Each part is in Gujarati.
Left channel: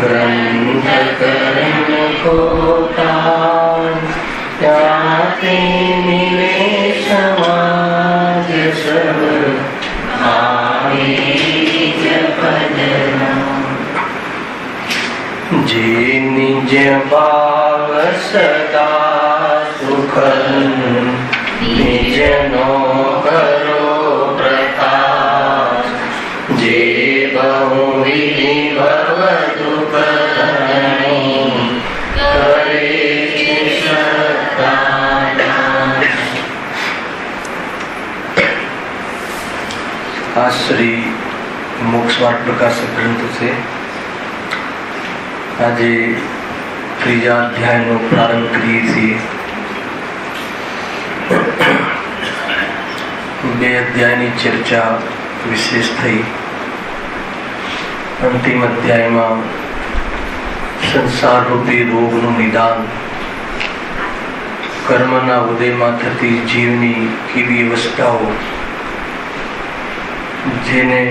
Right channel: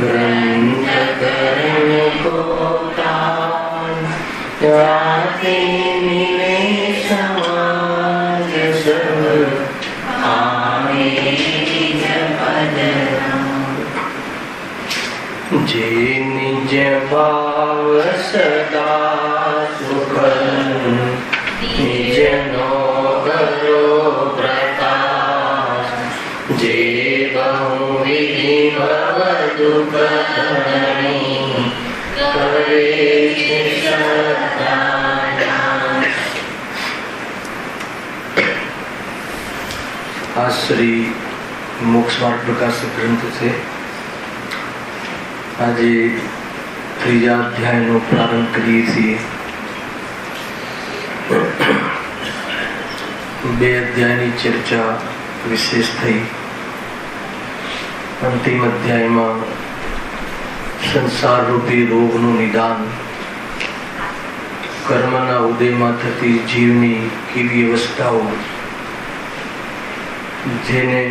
ग्रंथ करण को जाते मिले समाज सब आवे जे निज भाव सदा सुख निज नो करो प्रकाश जे बहुविधि भव दुख हरणी करे आ श्री मोक्ष मार्ग प्रकाशक ग्रंथ से आज त्रीजा अध्याय नो प्रारंभ करिए छीए। बे अध्याय नी चर्चा विशेष थई। अंतिम अध्याय में संसार रूपी रोग नु निदान, कर्मना उदय में थती जीवनी केवी अवस्थाओं जेने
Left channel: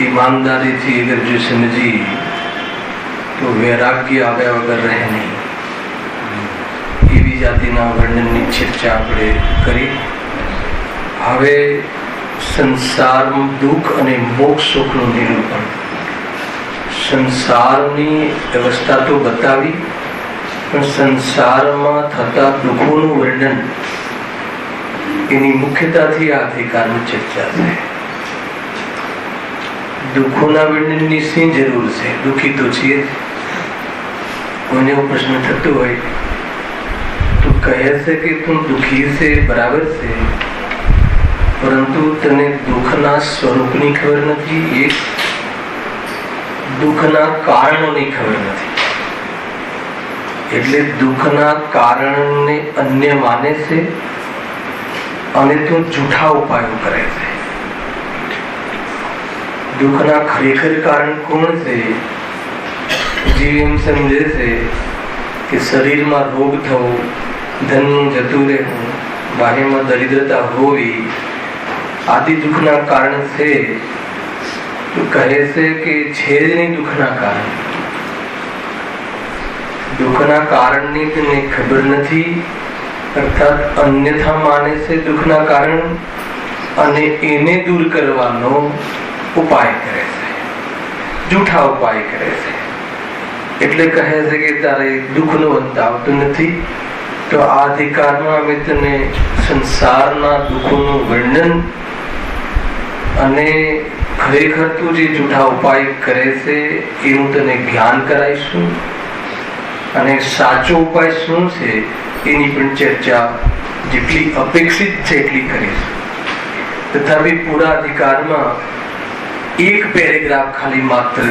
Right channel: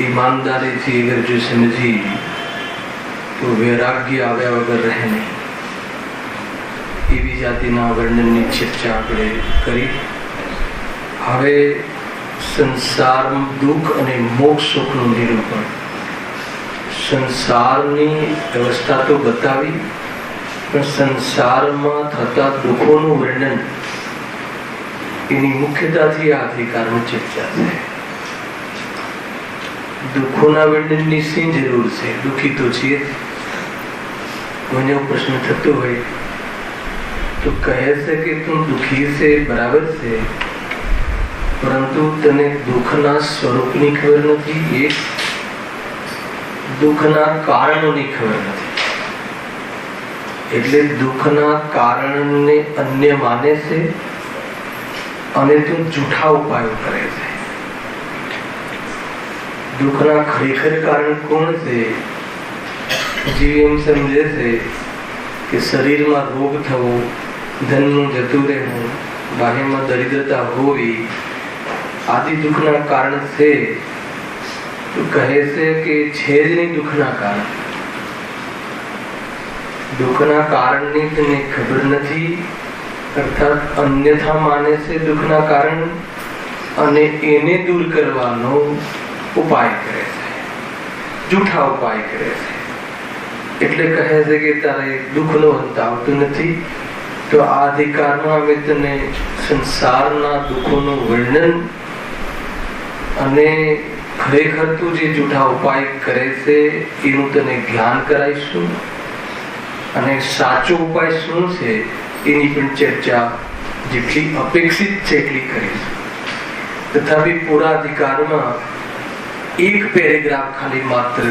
ईमानदारी थी अगर जो समझी तो वैराग्य आव्या वगर रहे नहीं। एवी जातिना वर्णननी चर्चा आपणे करी। हवे संसार दुख अने मोक्ष सुखનું નિરૂપણ, સંસારની અવસ્થા તો બતાવી, પણ સંસારમાં થતા દુઃખોનું વર્ણન એની મુખ્યતાથી આ અધિકારની ચર્ચા છે। दुखोना वर्णन की सी जरूर है, दुखी तो छे। कोઈને प्रश्न थतो होय तो कहे से कि तुम दुखी से बराबर से, परंतु तने दुखना स्वरूपनी खबर नहीं, एक दुखना कारणोनी खबर नहीं। એટલે दुखना कारणने अन्य माने से અને તું જૂઠા ઉપાયો કરે છે। दुखना खरेखर कारण कौन से? जीव एम समझे से कि शरीर में रोग थवो, धन जतु रहू, बाह्य में दरिद्रता होवी आदि दुखना कारण से। तो कहे से कि छेद नहीं दुखना कारण। दुखना कारण नी तने खबर नहीं, अर्थात अन्यथा माने से दुखना कारण अने एने दूर करवानो उपाय करे से, जूठा उपाय करे से। એટલે કહે છે કે તારે દુઃખનો અંત આવતો નથી, તો આ અધિકારમાં અમે તને સંસારના દુઃખોનું વર્ણન અને ખરેખર તું જે જૂઠા ઉપાય કરે છે એનું તને જ્ઞાન કરાવીશું, અને સાચો ઉપાય શું છે એની પણ ચર્ચા જેટલી અપેક્ષિત છે એટલી કરીશું। તથાપિ પૂરા અધિકારમાં एक पेरेग्राफ खाली मात्र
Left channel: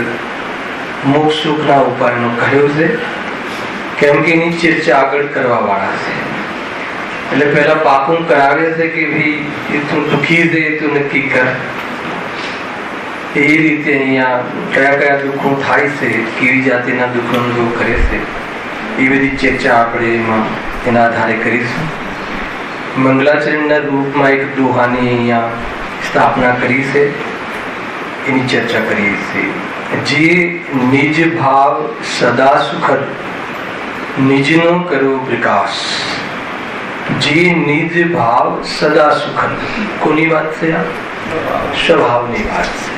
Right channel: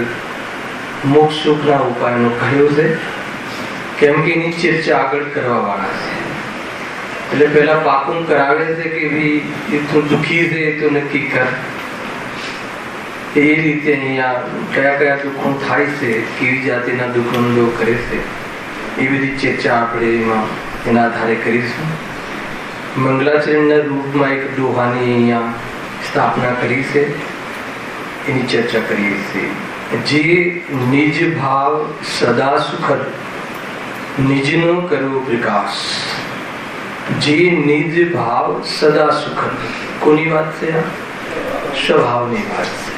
मोक्ष सुखना उपाय नो कह्यो छे, केम के एनी चर्चा आगळ करवा वाळा छे। એટલે પહેલા પાકું કરાવે છે કે ભાઈ એ તું દુખી છે તો નક્કી કર। એ રીતે અહીંયા કયા કયા દુઃખો થાય છે, કેવી જાતિના દુઃખ અનુભવ કરે છે, એ બધી ચર્ચા આપણે એના આધારે કરીશું। મંગલાચરણના રૂપમાં એક દોહાની અહીંયા સ્થાપના કરી છે, એની ચર્ચા કરીએ છીએ। જે નિજ ભાવ સદા સુખદ નિજનો કરો પ્રકાશ। જે નિજ ભાવ સદા સુખદ, કોની વાત છે? આ સ્વભાવની વાત છે।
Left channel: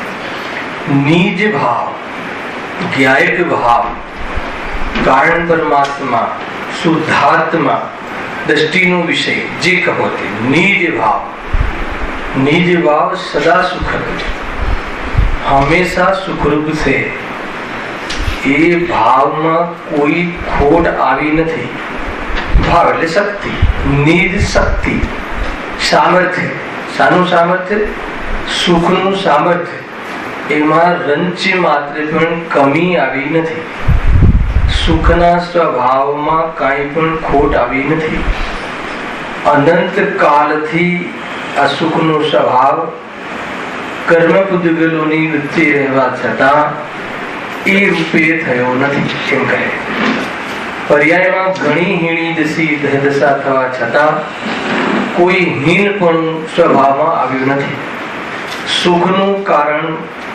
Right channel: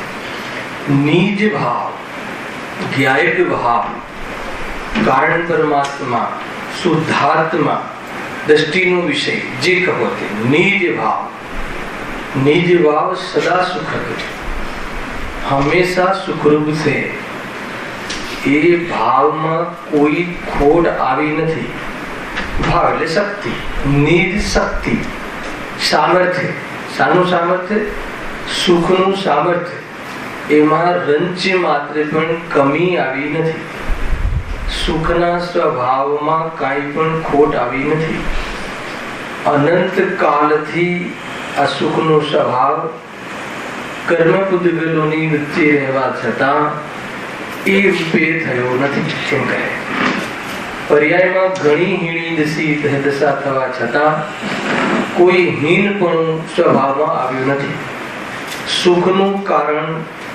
નિજ ભાવ, જ્ઞાયક ભાવ, કારણ પરમાત્મા, શુદ્ધાત્મા, દ્રષ્ટિનો વિષય જે કહો તે નિજ ભાવ। નિજ ભાવ સદા સુખદ, हमेशा सुखरूप से। ए भाव में कोई खोट आवी नहीं। भाव એટલે शक्ति, निज शक्ति, सामर्थ्य। सानु सामर्थ्य? सुखनु सामर्थ्य। एमा रंच मात्र पण कमी आवी नहीं। सुखना स्वभाव में काई पण खोट आवी नहीं। अनंत काल थी आ सुखनो स्वभाव कर्म पुद्गलोनी वच्चे रहवा छतां ए रूपे थयो नथी, एम कहे। पर्यायमां घणी हीणी दशा थवा छतां कोई हीनपणुं स्वभावमां આવ્યું નથી। સુખનું કારણ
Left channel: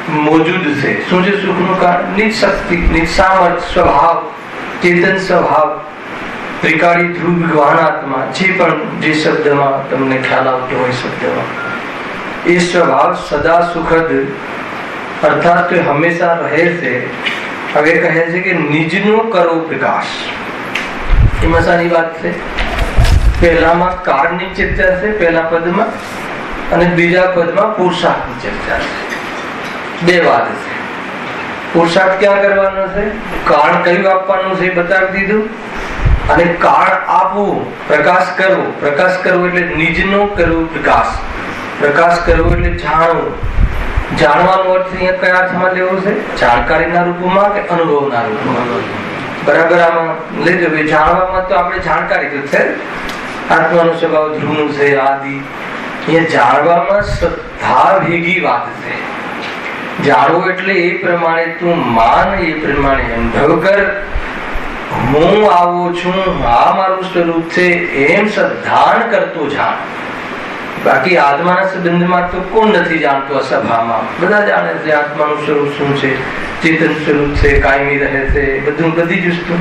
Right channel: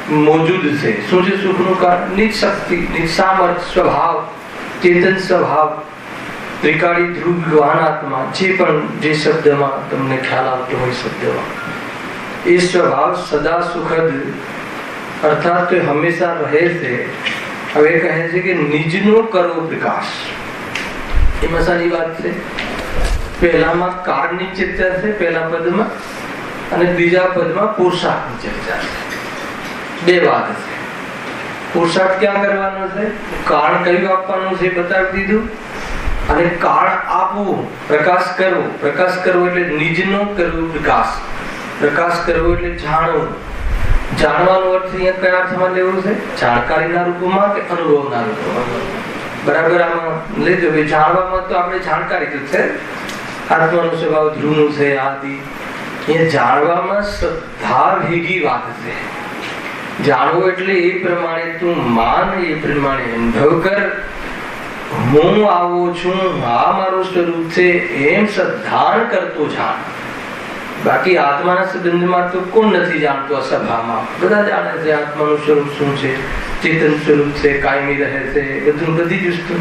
મોજૂદ છે. શું છે સુખનું કારણ? નિજ શક્તિ, નિજ સામર્થ્ય, સ્વભાવ, ચેતન સ્વભાવ, ત્રિકાળી ધ્રુવ વિદ્વાન આત્મા, જે પણ જે શબ્દમાં તમને ખ્યાલ આવતો હોય શબ્દમાં, એ સ્વભાવ સદા સુખદ અર્થાત હંમેશા રહે છે. હવે કહે છે કે નિજનો કરો પ્રકાશ. એમાં સારી વાત છે. પહેલામાં કાળની ચર્ચા છે પહેલા પદમાં, અને બીજા પદમાં પુરુષાર્થની ચર્ચા છે. બે વાત છે. પુરુષાર્થ ક્યાં કરવાનો છે? કાળ કયું આપવાનું છે બતાવી દીધું, અને કાળ આપવું, પ્રકાશ કરવો. પ્રકાશ કરવો એટલે નિજનો કરવો પ્રકાશ. પ્રકાશ કરવો એટલે જાણવું. જાણવાનો અર્થ અહીંયા કયા અર્થમાં લેવો છે? જાણકારીના રૂપમાં કે અનુભવના રૂપમાં? બરાબર આમાં લેજો. જાણવામાં તો આપણે જાણકારી તો છે, આત્માનો સ્વભાવ ધ્રુવનું છે આદિ. અહીંયા જાણવામાં શ્રદ્ધા ભેગી વાત છે. જાણવું એટલે એ પ્રમાણે તું માન, એ પ્રમાણે અનુભવ કર. હું આવો છું, આ મારું સ્વરૂપ છે, એમ શ્રદ્ધાન કરતો જાણ. બાકી આત્માના સંબંધમાં તો કોણ નથી જાણતો? અસભામાં બધા જાણે છે આત્માનું સ્વરૂપ શું છે, ચેતન સ્વરૂપ છે, કાયમી રહે છે, બધું બધી જ વસ્તુ.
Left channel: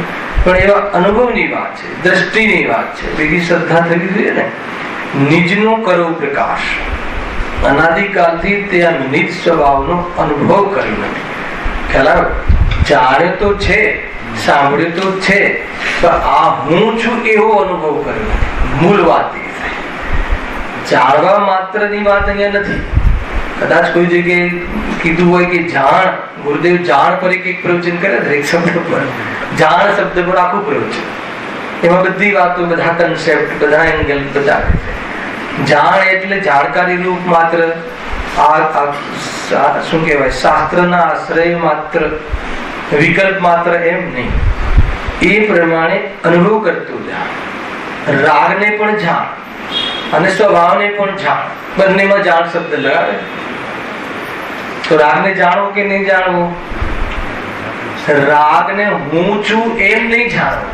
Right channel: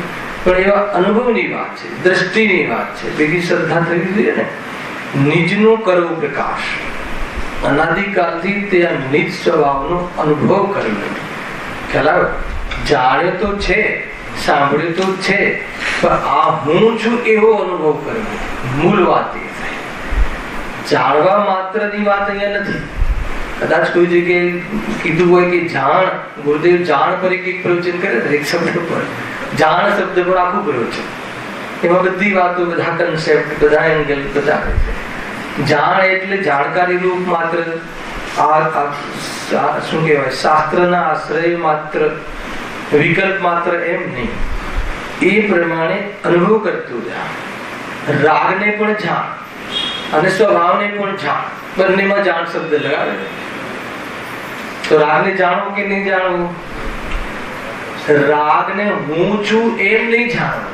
પણ એવા અનુભવની વાત છે, દ્રષ્ટિની વાત છે. બીજી શ્રદ્ધા થવી જોઈએ ને. નિજનો કરો પ્રકાશ. અનાદિકાલથી તે આ નિજ સ્વભાવનો અનુભવ કર્યો નથી. ખ્યાલ જાણ્યો તો છે, સાંભળ્યું તો છે, પણ આ હું છું એવો અનુભવ કર્યો નથી. મૂળ વાત એ છે. જાણવા માત્રની વાત અહીંયા નથી. કદાચ કોઈ જગ્યાએ કીધું હોય કે જાણ, ગુરુદેવ જાણ પર એક પ્રવચન કરે છે, એક શબ્દ પર, જાણ શબ્દ પર આખું પ્રવચન. એમાં બધી વાતો, બધા કન્સેપ્ટ, બધા એંગલ બતાવે છે. જાણ એટલે જાણકારી રૂપ માત્ર, શું કહેવાય, શાસ્ત્રના આશ્રય માત્ર, વિકલ્પ માત્ર, એમ નહીં. એ પ્રમાણે અનુભવ કરતું જાણ. રાગને પણ જાણ અને સ્વભાવને પણ જાણ. બંનેમાં જાણ શબ્દ લગાવે. તો રાગને જાણવો કે નહીં જાણવો? રાગને હું છું એમ નહીં જાણવું,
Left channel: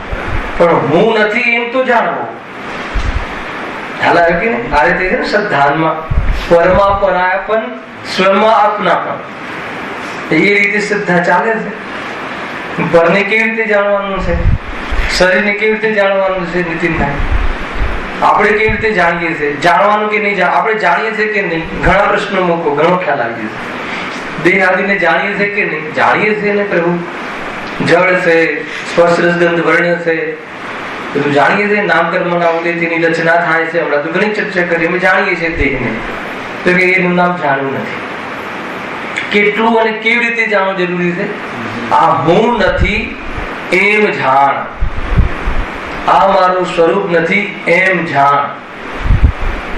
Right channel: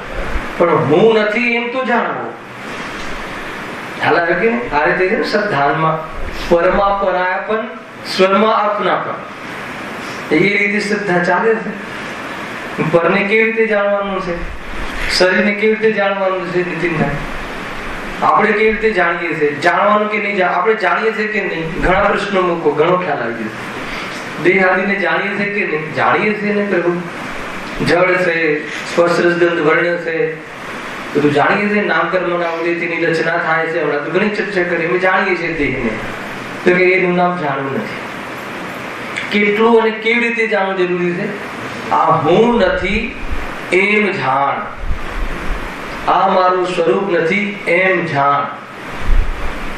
પણ હું નથી એમ તો જાણવું. ખ્યાલ આવ્યો કે આ રીતે છે ને શ્રદ્ધાનમાં પરમાં પરાયાપન, સ્વમાં આપનાપન, એ રીતે શ્રદ્ધા ચાલે છે. પરને કેવી રીતે જાણવાનું છે? શરીરને કેવી રીતે જાણવાનું છે? નીતિનભાઈ, આપણે કેવી રીતે જાણીએ છીએ? જાણવાનું કે નહીં? આપણે જાણીએ છીએ કે નહીં? ઘણા પ્રશ્નો મૂકો, ઘણો ખ્યાલ આવી જશે. દેહ આદિને જાણીએ છીએ કે નહીં? જાણીએ છીએ ને પ્રભુ. જળ છે, સ્પર્શ રસ ગંધ વર્ણ છે, બધું જાણીએ છીએ. નામકર્મના ઉદયથી રચના થાય છે. હમણાં તો ઘણી ચર્ચા કરી. અમે જાણીએ છીએ દેહને, તો કે એનું નામ જાણવું નથી. કેટલું અને કેવી રીતે જાણવું જરૂરી છે? આ હું નથી એમ જાણ. આ મારું સ્વરૂપ નથી એમ જાણ.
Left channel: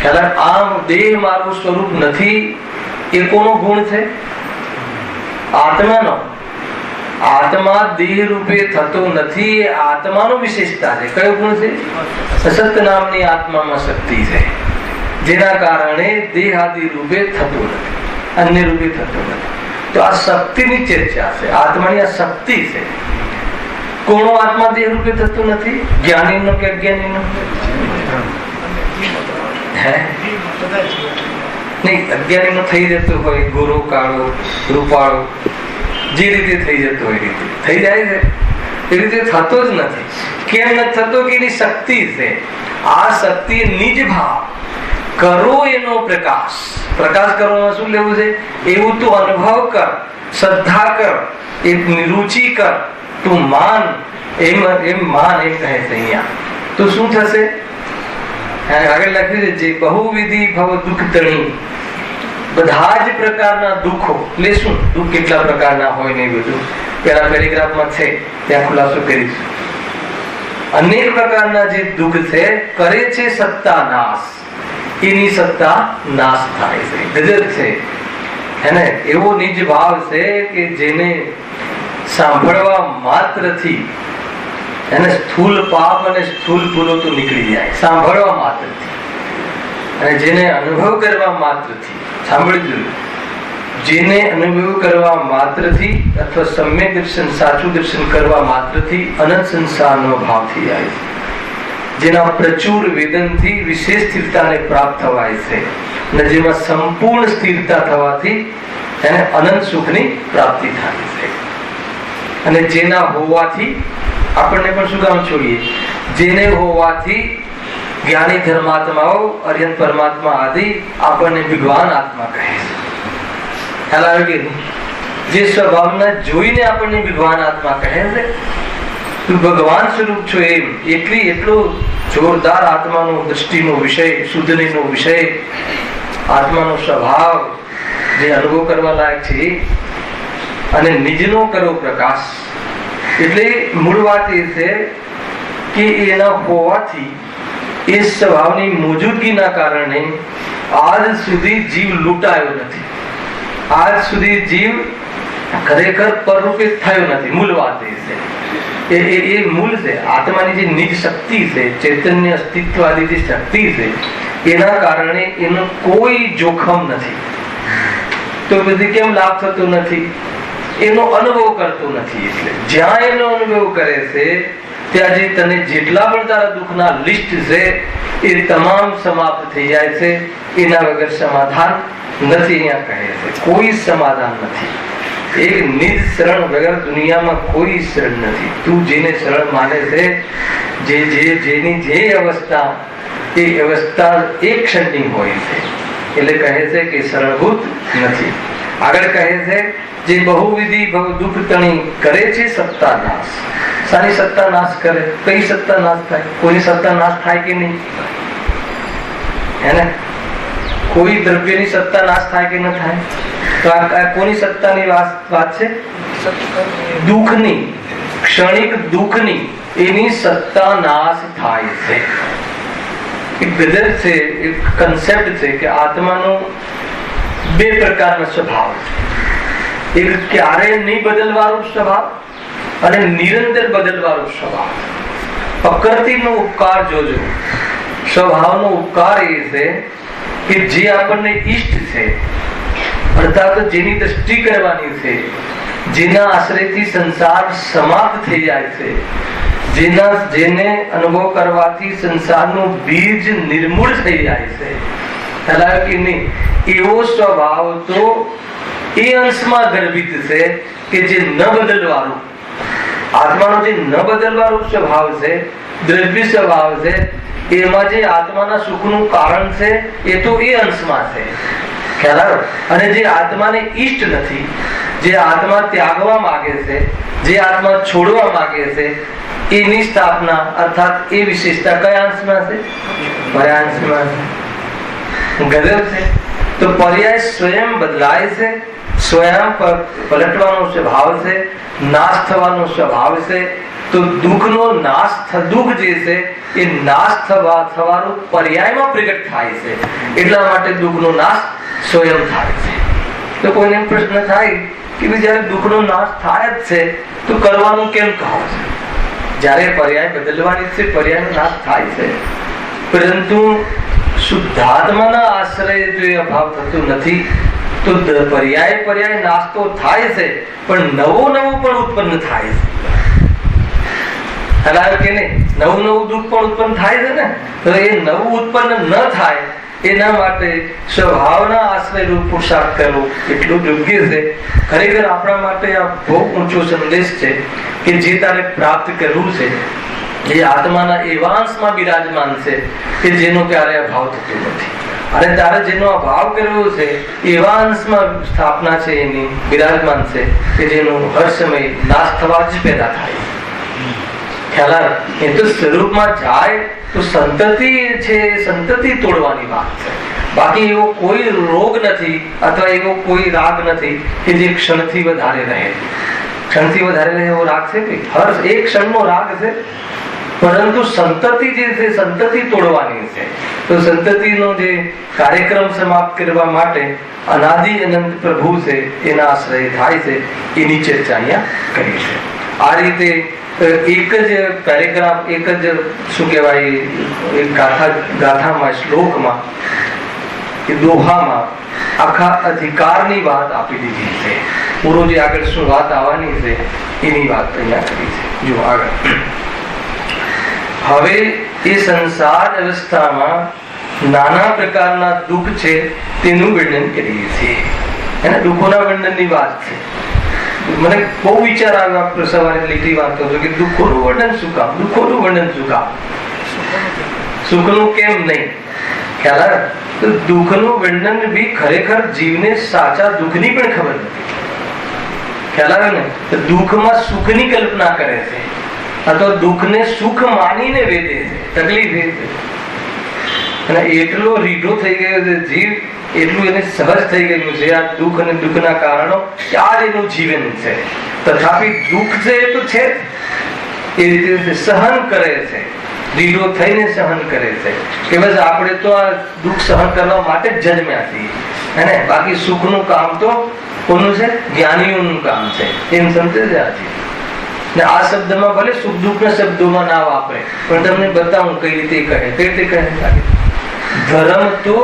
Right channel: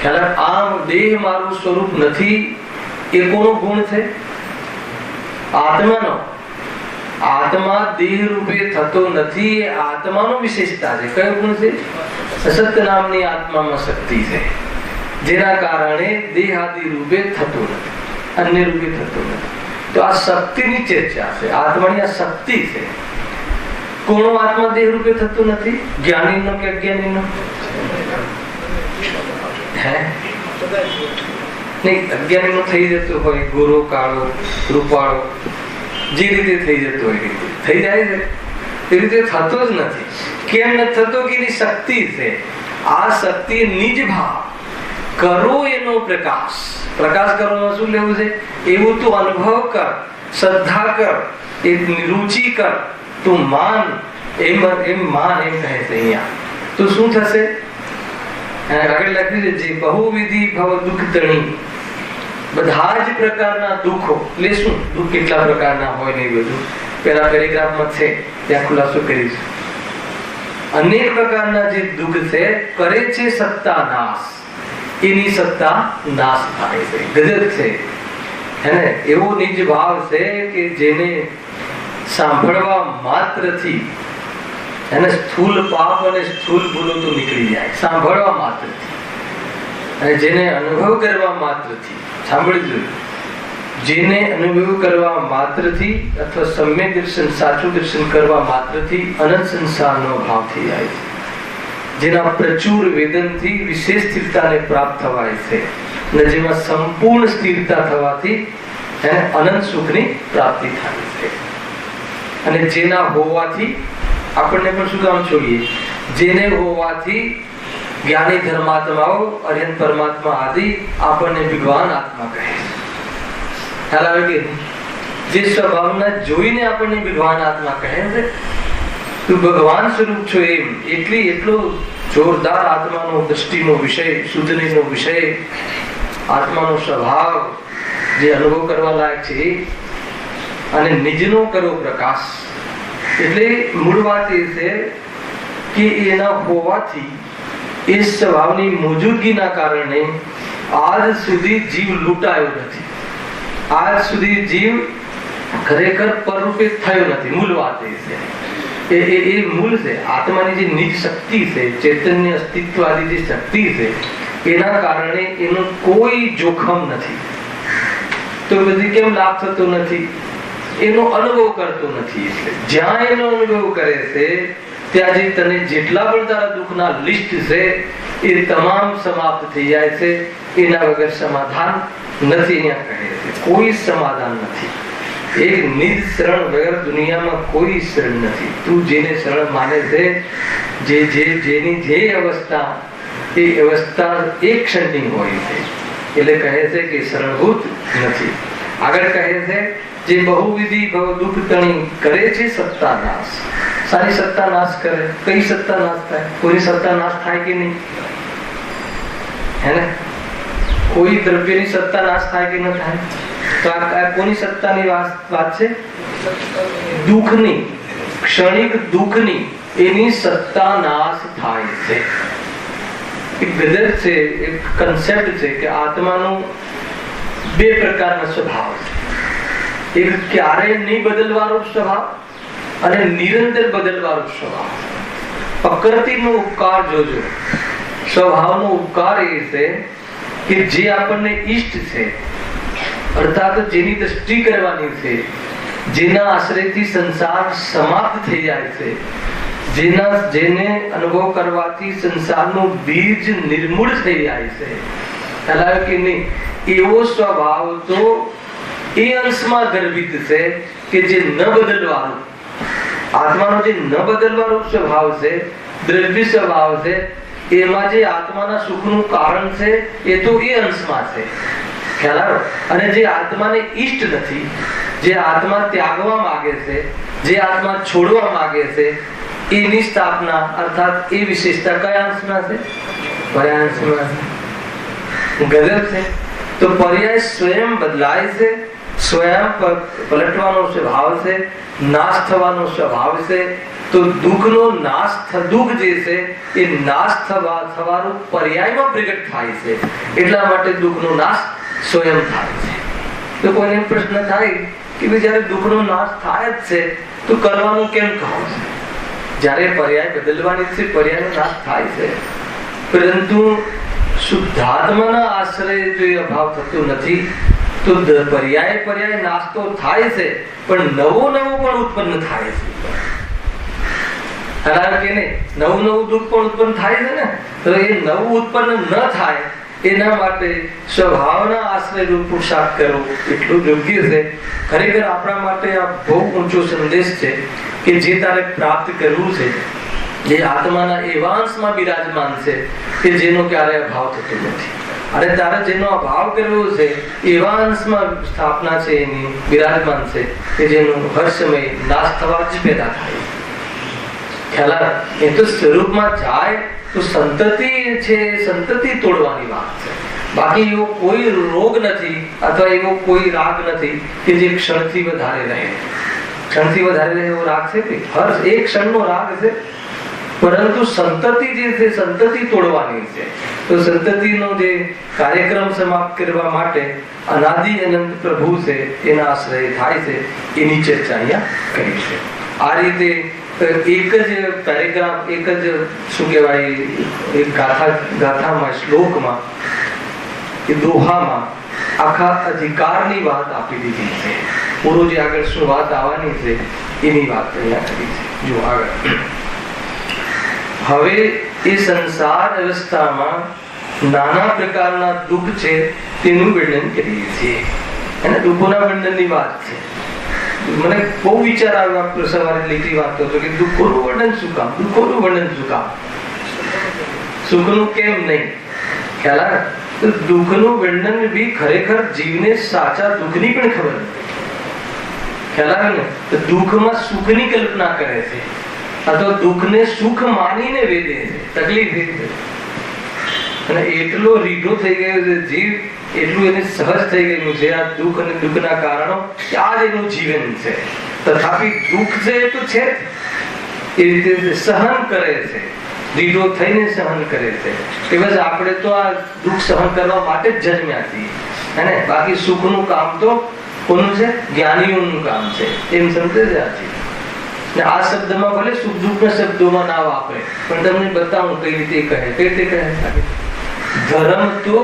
ખ્યાલ? આમ દેહ મારું સ્વરૂપ નથી એ કોનો ગુણ છે? આત્માનો. આત્મા દેહ રૂપે થતો નથી એ આત્માનો વિશેષતા છે. કયો ગુણ છે? અસત નામની આત્મામાં શક્તિ છે, જેના કારણે દેહ આદિ રૂપે થતો નથી, અન્ય રૂપે થતો નથી. તો આ શક્તિની ચર્ચા છે. આત્માની આ શક્તિ છે. કોનો આત્મા દેહ રૂપે થતો નથી? જ્ઞાનીનો કે અજ્ઞાનીનો? હે નહીં, અજ્ઞાનીનો થઈ જતો હોય, ગોરો કાળો રૂપાળો, જે રીતે થઈ જતો હોય રીતે થઈ જાય છે. એ રીતે થતો જ નથી. કેમ નથી થતો? કે એની શક્તિ છે. આ શક્તિ નિજ ભાવ કરો એનો પ્રકાશ. પ્રકાશ કરવામાં શું લેવું છે? એવું તું અનુભવ કર, શ્રદ્ધા કર, એ રુચિ કર, તું માન. એમ માન એમ કહે છે અહીંયા. તો શું થશે? આગળ લખ્યું છે, બહુવિધિ ભવ દુઃખ તણી. બધા જ પ્રકારના દુઃખો. એટલે શું દુઃખ કેટલા પ્રકારના હોય ને બધું પેલા પેરેગ્રાફમાં છે, ત્યાં ખુલાસો કરીશું. અનેક પ્રકારના જે દુઃખ છે કરે છે સત્તા નાશ. એની સત્તા નાશ થાય છે. ગજબ છે હેને? એવો નિજ ભાવ છે કે જેને સાંભળવા માત્રથી એને સ્થૂલ પાપ અને સ્થૂલ ભૂલો તો નીકળી જાય, સાંભળવા માત્રથી. અને જેને અનુભવ કરવા માત્રથી, સાંભળજો, જેને અનુભવ કરવા માત્રથી અથવા સમ્યક દર્શન, સાચું દર્શન કરવા માત્રથી અનંત સંસારનો ભાવ થઈ જાય છે. જેના પ્રચુર વેદનથી વિશેષ સ્થિરતાને પ્રાપ્ત થવાય છે, અને જેમાં સંપૂર્ણ સ્થિરતા થવાથી એને અનંત સુખની પ્રાપ્તિ થાય છે. અને જેના હોવાથી આપણને પણ શું કામ છોડીએ, જેને હોવાથી જ્ઞાની ધર્માત્માઓ અર્યંત પરમાત્મા આદિ આપણને વિદ્વાન આત્મા કહે છે. ખ્યાલ આવે કે જે સ્વભાવના જોઈને આપણને વિદ્વાન આત્મા કહે છે, તું ભગવાન સ્વરૂપ છો એમ એટલો જોરદાર આત્માનો દ્રષ્ટિનો વિષય, શુદ્ધનો વિષય, આત્માનો સ્વભાવ જે અનુભવ કરવા લાયક છે, અને નિજનો કરો પ્રકાશ. એટલે મૂળ વાત એ છે કે એના હોવાથી, એ સ્વભાવની મોજૂદગીના કારણે આજ સુધી જીવ લૂંટાયો નથી, આજ સુધી જીવ ખરેખર પરરૂપે થયો નથી. મૂળ વાત એ છે, એ મૂળ છે. આત્માની જે નિજ શક્તિ છે, ચૈતન્ય અસ્તિત્વ વાળી જે શક્તિ છે, એના કારણે એનું કોઈ જોખમ નથી. તો બધી કેમ લાભ થતો નથી? એનો અનુભવ કરતો નથી. એટલે જ્યાં એનો અનુભવ કરે છે ત્યાં જે તને જેટલા પણ તારા દુઃખના લિસ્ટ છે એ તમામ સમાપ્ત થઈ જાય છે. એના વગર સમાધાન નથી. અહીંયા કહે છે કોઈ સમાધાન નથી. એક નિજ શરણ વગર દુનિયામાં કોઈ શરણ નથી. તું જેને શરણ માને છે, જેની જે અવસ્થા, એ અવસ્થા એક ક્ષણની હોય છે. એટલે કહે છે કે શરણભૂત નથી. આગળ કહે છે જે બહુવિધિ દુઃખ તણી કરે છે સત્તા નાશ. સારી સત્તા નાશ કરે? કઈ સત્તા નાશ થાય? કોઈની સત્તા નાશ થાય કે નહીં? હે ને? કોઈ દ્રવ્યની સત્તા નાશ થાય કે ન થાય? તો આ કોની સત્તાની વાત છે? દુઃખની, ક્ષણિક દુઃખની, એની સત્તા નાશ થાય છે. એક ગજબ છે, એક કન્સેપ્ટ છે કે આત્માનો બે પ્રકારનો સ્વભાવ છે. એક ક્યારેય નહીં બદલવાનો સ્વભાવ અને નિરંતર બદલવાનો સ્વભાવ. પ્રકૃતિનો ઉપકાર જોજો. સ્વભાવનો ઉપકાર એ છે કે જે આપણને ઈષ્ટ છે, અર્થાત જેની દ્રષ્ટિ કરવાની છે, જેના આશ્રયથી સંસાર સમાપ્ત થઈ જાય છે, જેને અનુભવ કરવાથી સંસારનું બીજ નિર્મૂળ થઈ જાય છે, ખ્યાલ કે નહીં? એવો સ્વભાવ તો એ અંશમાં ગર્ભિત છે કે જે ન બદલવાનું, આત્માનો જે ન બદલવાનો સ્વભાવ છે, દ્રવ્ય સ્વભાવ છે, એમાં જે આત્માના સુખનું કારણ છે એ તો એ અંશમાં છે. ખ્યાલ આવ્યો? અને જે આત્માને ઈષ્ટ નથી, જે આત્મા ત્યાગવા માંગે છે, જે આત્મા છોડવા માંગે છે, એની સ્થાપના અર્થાત એ વિશેષતા કયા અંશમાં છે? પર્યાય અંશમાં છે. ગજબ છે. તો પર્યાય સ્વયં બદલાય છે, સ્વયં પલટવાનો સ્વભાવ છે, નાશ થવાનો સ્વભાવ છે. તો દુઃખનો નાશ, દુઃખ જે છે એ નાશ થવાનું પર્યાયમાં પ્રગટ થાય છે. એટલા માટે દુઃખનો નાશ સ્વયં થાય છે. તો કોઈને પ્રશ્ન થાય કે જયારે દુઃખનો નાશ થાય જ છે તો કરવાનું કેમ કહો છો? જયારે પર્યાય બદલવાની છે, પર્યાયનો નાશ થાય છે, પરંતુ શુદ્ધાત્માના આશ્રય જો એ અભાવ થતો નથી તો પર્યાય નાશ તો થાય છે, પણ નવું પણ ઉત્પન્ન થાય છે. હલાલ કે નહીં? નવું દુઃખ પણ ઉત્પન્ન થાય છે ને. તો એ નવું ઉત્પન્ન ન થાય એના માટે સ્વભાવના આશ્રય રૂપ પુરુષાર્થ કરવો એટલું યોગ્ય છે. ખરેખર આપણા માટે આ બહુ ઊંચો સંદેશ છે કે જે તારે પ્રાપ્ત કરવું છે, જે આત્માના એવા અંશમાં બિરાજમાન છે કે જેનો ક્યારે અભાવ થતો નથી. અને તારે જેનો અભાવ કરવો છે એવા અંશમાં સ્થાપના છે, એની બિરાજમાન છે કે જેનો હર સમય નાશ થવા જ પેદા થાય. ખ્યાલ? એ તો સ્વરૂપમાં જાય તો સંતતિ છે, સંતતિ તોડવાની વાત છે. બાકી એવો કોઈ રોગ નથી અથવા એવો કોઈ રાગ નથી કે જે ક્ષણથી વધારે રહે. ક્ષણથી વધારે રહે એવો રાગ છે કે હર એક ક્ષણનો રાગ છે, પરંતુ સંતતિ જે છે સંતતિ તોડવાની છે. તો સંતતિનો જે કાર્યક્રમ સમાપ્ત કરવા માટે અનાદિ અનંત પ્રભુ છે એના આશ્રય થાય છે, એની ચર્ચા અહીંયા કરી છે. આ રીતે એક જ પેરેગ્રાફ, એક જ શું કહેવાય, એક ગાથામાં, શ્લોકમાં કે દોહામાં આખા અધિકારની વાત આપી દીધી છે. પૂરો જે આગળ શું વાત આવવાની છે એની વાત અહીંયા કરી છે. જો આગળ હવે એ સંસાર અવસ્થામાં નાના પ્રકારના દુઃખ છે તેનું વર્ણન કરીએ છીએ. એને દુઃખોના વર્ણનની વાત છે. મને બહુ વિચાર આવ્યો સવારે લીટી વાંચતો હતો કે દુઃખોનું વર્ણન શું કામ, દુઃખોનું વર્ણન શું કામ, સુખનું કેમ નહીં. ખ્યાલ આવે તો દુઃખનું વર્ણન બી ખરેખર જીવને સાચા દુઃખની પણ ખબર નથી. ખ્યાલ આવે ને તો દુઃખમાં સુખની કલ્પના કરે છે અથવા દુઃખને સુખ માનીને વેદે છે. તકલીફ એ છે. અને એટલો રીઢો થઈ ગયો છે જીવ, એટલું એને સહજ થઈ ગયું છે આ દુઃખ અને દુઃખના કારણો, આ જ એનું જીવન છે. તથાપી દુઃખ છે એ તો છે એ રીતે સહન કરે છે, રીઢો થઈને સહન કરે છે કે બસ આપણે તો આ દુઃખ સહન કરવા માટે જ જન્મ્યા છીએ હે ને. બાકી સુખનું કામ તો કોનું છે? જ્ઞાનીઓનું કામ છે. એમ સમજે છે આ ચીજ. ને આ શબ્દમાં ભલે સુખ દુઃખ ના શબ્દોમાં ના વાપરે, પણ તમને બતાવું કઈ રીતે કહે. કઈ રીતે કહે? ધર્મ તો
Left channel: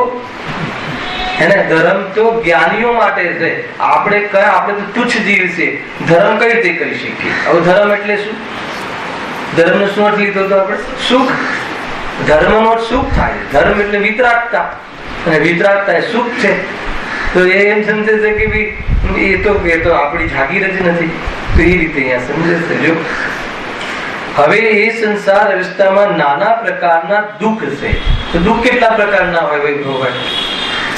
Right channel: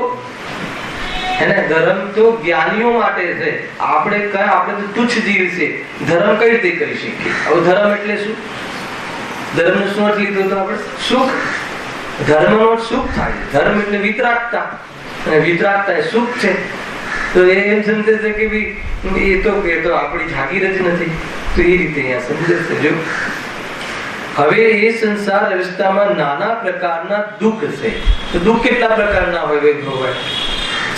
એને ધર્મ તો જ્ઞાનીઓ માટે છે. આપણે તો તુચ્છ જીવ છે, ધર્મ કઈ રીતે કરી શકીએ? હવે ધર્મ એટલે શું? ધર્મ નો શું અર્થ લીધો તો આપણે? સુખ. ધર્મ નો સુખ થાય. ધર્મ એટલે વિતરાગતા, અને વિતરાગતા એ સુખ છે. તો એ એમ સમજે છે કે ભાઈ એ તો આપણી જાગીર જ નથી. તો એ રીતે અહીંયા સમજે છે. જો હવે એ સંસાર અવસ્થામાં નાના પ્રકારના દુઃખ છે. તો દુઃખ કેટલા પ્રકારના હોય ભાઈ?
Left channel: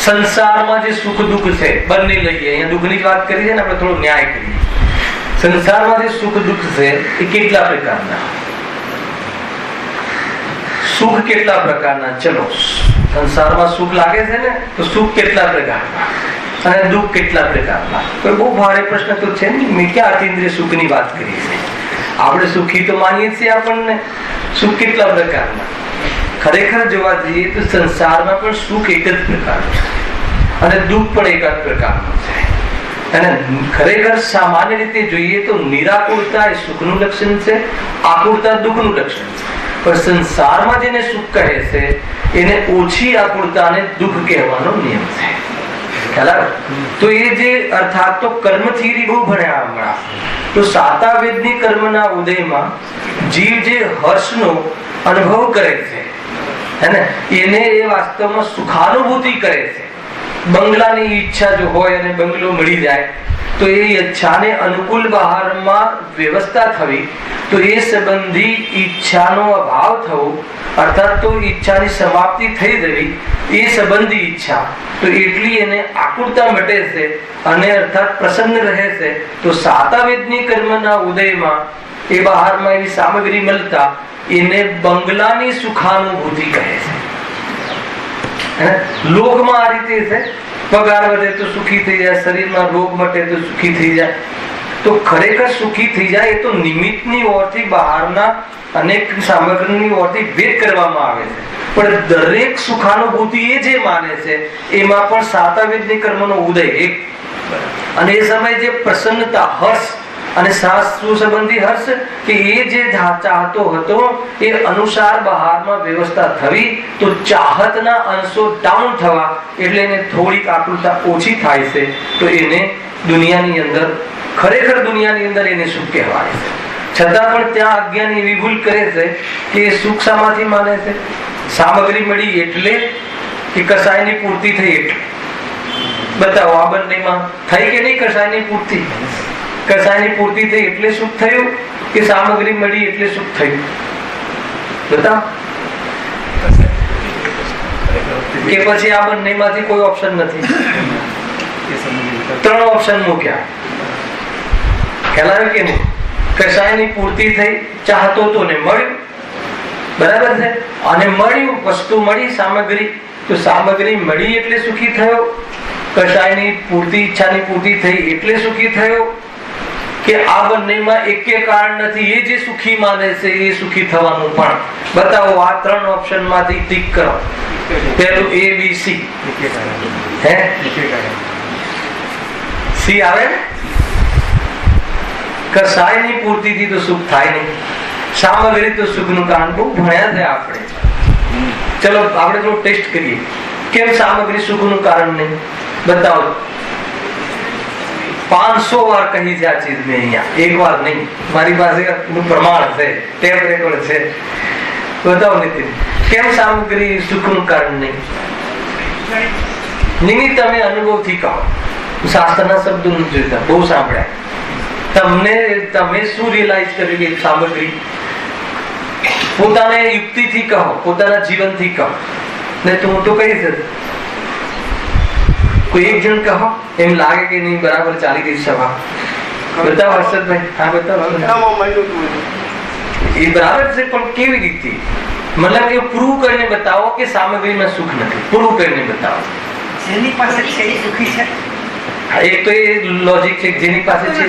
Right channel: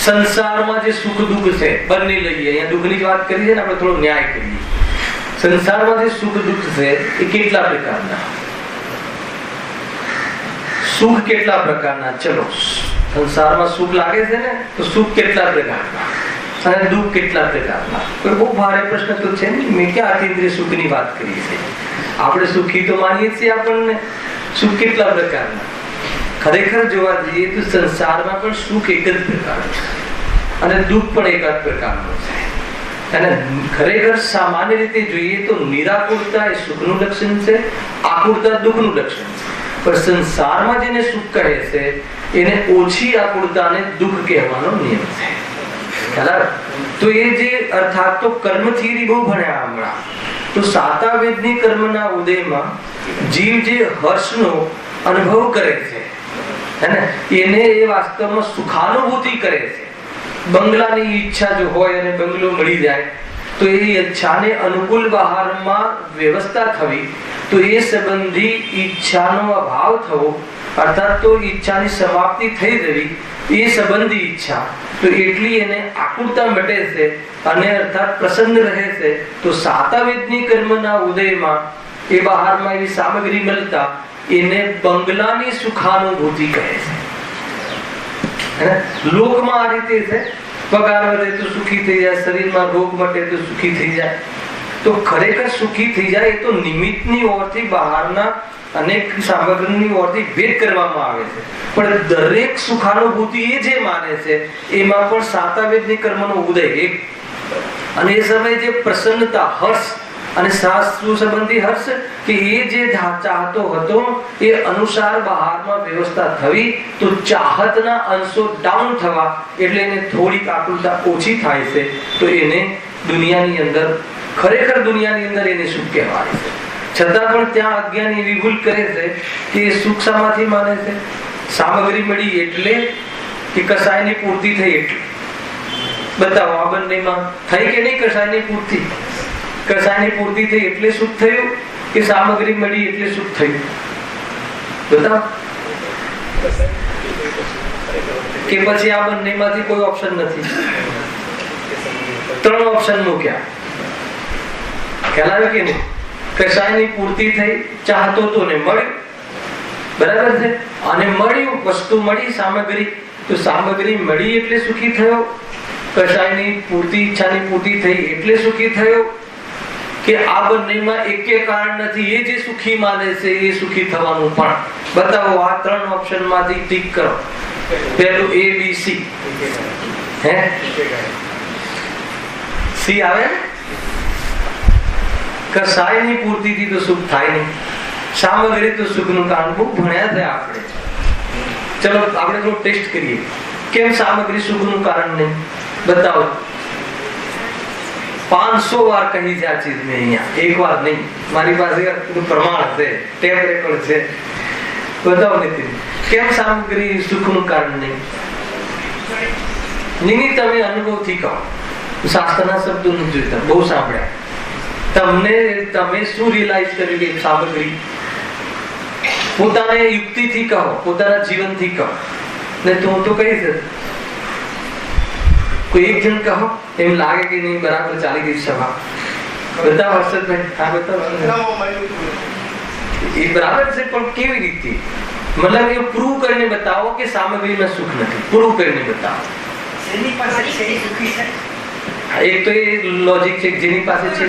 સંસારમાં જે સુખ દુઃખ છે બંને લઈએ. અહીંયા દુઃખની જ વાત કરી છે ને, આપણે થોડો ન્યાય કરીએ. સંસારમાં જે સુખ દુઃખ છે એ કેટલા પ્રકારના? સુખ કેટલા પ્રકારના? ચલો, સંસારમાં સુખ લાગે છે ને, તો સુખ કેટલા પ્રકારના અને દુઃખ કેટલા પ્રકારના? કોઈ બહુ ભારે પ્રશ્ન તો છે નહીં. મેં ક્યાં અતિન્દ્રિય સુખની વાત કરી છે? આપણે સુખી તો માનીએ છીએ આપણને. સુખ કેટલા પ્રકારના? ખરેખર જોવા જઈએ તો સંસારમાં પણ સુખ એક જ પ્રકારનું છે અને દુઃખ પણ એક જ પ્રકારનું છે. અને ખરેખર સામાન્ય રીતે જોઈએ તો નિરાકુરતા એ સુખનું લક્ષણ છે, આકુરતા દુઃખનું લક્ષણ છે. પણ સંસારમાં જેને સુખ કહે છે એને ઓછી આકુરતાને દુઃખ કહેવાનો નિયમ છે. તો એ જે અર્થાત તો કર્મ થિયરી બહુ ભણ્યા હમણાં. તો સાતા વેદની કર્મના ઉદયમાં જીવ જે હર્ષનો અનુભવ કરે છે હે ને, એને એ વાસ્તવમાં સુખાનુભૂતિ કરે છે. બંગલાની ઈચ્છા જો હોય અને બંગલો મળી જાય તો એ ઈચ્છાને અનુકૂળ બહારમાં વ્યવસ્થા થવી, તો એ સંબંધી ઈચ્છાનો અભાવ થવો, અર્થાત તો ઈચ્છાની સમાપ્તિ થઈ જવી, એ સંબંધી ઈચ્છા તો એટલી એને આકુરતા મટે છે અને અર્થાત પ્રસન્ન રહે છે. તો સાતાવેદની કર્મના ઉદયમાં એ બહારમાં એવી સામગ્રી મળતા એને બંગલાની સુખાનુભૂતિ કહે છે. લોકમાં આ રીતે છે, પગાર વધે તો સુખી થઈ જાય, શરીરમાં રોગ મટે તો સુખી થઈ જાય. તો ખરેખર સુખી થઈ જાય એ તો નિમિત્તની ઓરથી બહારના અનેક સામગ્રીની ઓરથી ભેદ કરવામાં આવે છે. પણ દરેક સુખાનુભૂતિ એ જે માને છે એમાં પણ સાતાવેદની કર્મનો ઉદય એક, અને એ સમયે જે પ્રસન્નતા, હર્ષ અને શાસ્ત્ર સંબંધી હર્ષ કે એ જે ચાહતો હતો એ અનુસાર બહારમાં વ્યવસ્થા થવી, તો ચાહતના અંશો ડાઉન થવા એટલે એને થોડીક આકૃતા ઓછી થાય છે. તો એને દુનિયાની અંદર, ખરેખર દુનિયાની અંદર એને સુખ કહેવાય છે. છતાં પણ ત્યાં અજ્ઞાની એવી ભૂલ કરે છે કે સુખ શામાંથી માને છે? સામગ્રી મળી એટલે કે કસાયની પૂર્તિ થઈ એટલે? બતાવો, આ બંનેમાં થઈ કે નહીં કસાયની પૂર્તિ? કસાયની પૂર્તિ થઈ એટલે સુખ થયું કે સામગ્રી મળી એટલે સુખ થયું? બતાવો. કે પછી આ બંનેમાંથી કોઈ ઓપ્શન નથી? ત્રણ ઓપ્શન મૂક્યા. ખ્યાલ આવે કે નહીં? કસાયની પૂર્તિ થઈ, ચાહતો તો ને મળ્યું, બરાબર છે, અને મળ્યું, વસ્તુ મળી, સામગ્રી, તો સામગ્રી મળી એટલે સુખી થયો, કસાયની પૂર્તિ, ઈચ્છાની પૂર્તિ થઈ એટલે સુખી થયો, કે આ બંનેમાં એકે કારણ નથી, એ જે સુખી માને છે એ સુખી થવાનું? પણ બતાવો, આ ત્રણ ઓપ્શન માંથી ટીક કરો. પેલું A, B, C. હે સી આવે? કસાયની પૂર્તિથી તો સુખ થાય નહીં. સામગ્રી તો સુખનું કારણ બહુ ભણ્યા છે આપણે. ચલો આપણે થોડું ટેસ્ટ કરીએ. કેમ સામગ્રી સુખનું કારણ નહીં? બતાવો. 500 વાર કહી છે આ ચીજ મેં અહીંયા, એક વાર નહીં. મારી પાસે પ્રમાણ છે, ટેપ રેકોર્ડ છે. બતાવો નીતિન, કેમ સામગ્રી સુખનું કારણ નહીં? નિમિત્ત તમે અનુભવથી કહો. શાસ્ત્રના શબ્દો નથી જોઈતા, બહુ સાંભળ્યા. તમે શું રિયલાઇઝ કર્યું કે સામગ્રી પોતાને યુક્તિથી કહો, પોતાના જીવનથી કહો ને તું તો કહીશ કોઈ એક જણ કહો એમ લાગે કે નહીં બરાબર ચાલી ગઈ સભા. બતાવો હર્ષદભાઈ. હા બતાવો. એ બરાબર છે પણ કેવી રીતે? મતલબ એ પ્રૂવ કરીને બતાવો કે સામગ્રીમાં સુખ નથી. પ્રૂવ કરીને બતાવો. એક તો એ લોજિક છે જેની પાસે છે.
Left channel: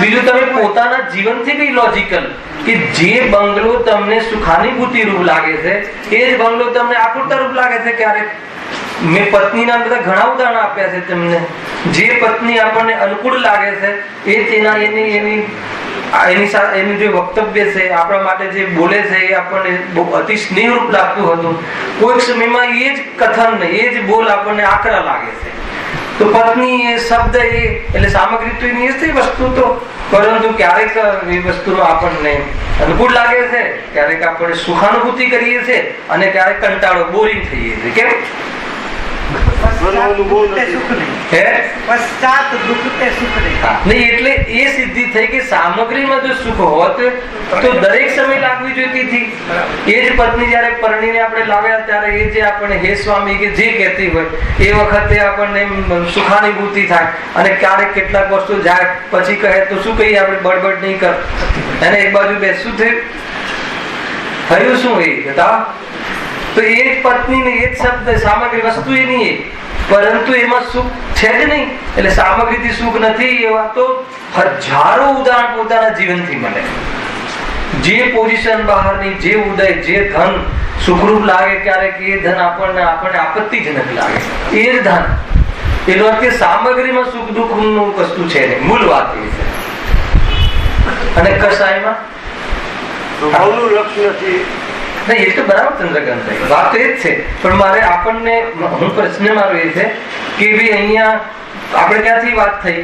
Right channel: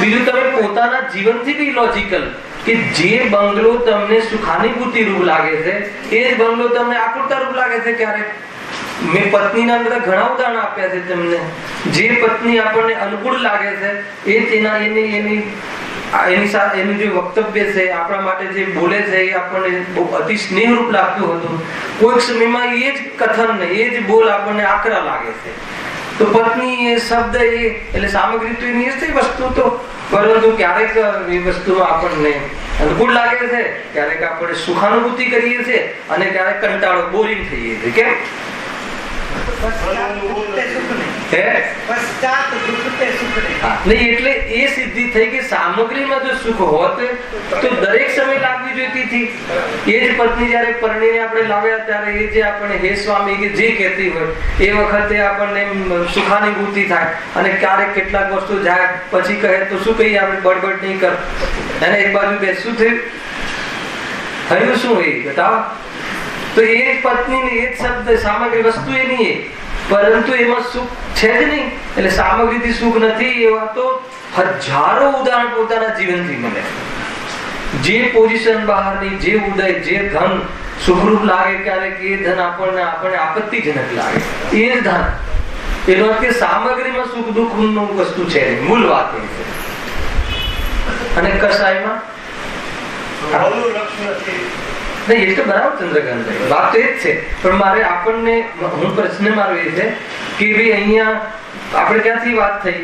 બીજું તમે પોતાના જીવનથી કઈ લોજિકલ કે જે બંગલો તમને સુખાનુભૂતિ રૂપ લાગે છે એ જ બંગલો તમને આકુરતા રૂપ લાગે છે. ક્યારેક મેં પત્નીના બધા ઘણા ઉદાહરણ આપ્યા છે તમને. જે પત્ની આપણને અનુકૂળ લાગે છે એ તેના એની જે વક્તવ્ય છે આપણા માટે જે બોલે છે એ આપણને બહુ અતિ સ્નેહરૂપ લાગતું હતું. કોઈક સમયમાં એ જ કથન એ જ બોલ આપણને આકરા લાગે છે. તો પત્ની એ શબ્દ એટલે સામગ્રી તો એની જ વસ્તુ તો, પરંતુ ક્યારેક એ વસ્તુમાં આપણને અનુકૂળ લાગે છે, ક્યારેક આપણે સુખાનુભૂતિ કરીએ છીએ અને ક્યારેક કંટાળો બોરિંગ થઈએ છીએ. કેમ? એટલે એ સિદ્ધિ થઈ કે સામગ્રીમાં જો સુખ હોત તો દરેક સમય લાગવી જોઈતી હતી. એ જ પત્ની જયારે પરણીને આપણે લાવ્યા ત્યારે એ જે આપણે હે સ્વામી કે જે કહેતી હોય એ વખતે આપણને સુખાનુભૂતિ થાય અને ક્યારેક કેટલાક વર્ષો જાય પછી કહે તો શું કહીએ આપણે બળબડ નહીં કર અને એક બાજુ બેસવું થયું શું એ બતાવો. તો એ જ પત્નીને એ જ શબ્દ સામગ્રી વસ્તુ એની પરંતુ એમાં સુખ છે જ નહીં. એટલે સામગ્રીથી સુખ નથી એવા તો હજારો ઉદાહરણ પોતાના જીવનથી મળે. જે પોઝિશન બહારની, જે ઉદય, જે ધન સુખરૂપ લાગે ક્યારેક એ ધન આપણને આપત્તિજનક લાગે. એ જ ધન એનો અર્થ કે સામગ્રીમાં સુખ દુઃખ નું વસ્તુ છે નહીં. મૂળ વાત એ છે. અને કસાયમાં લક્ષ્ય નથી. નહીં, એ તો બરાબર ચંદ્રકાંત વાત તો એ જ છે. પણ મારે આપણને પ્રશ્ન મારો એ છે કે ભાઈ અહીંયા આપણે ક્યાંથી વાત થઈ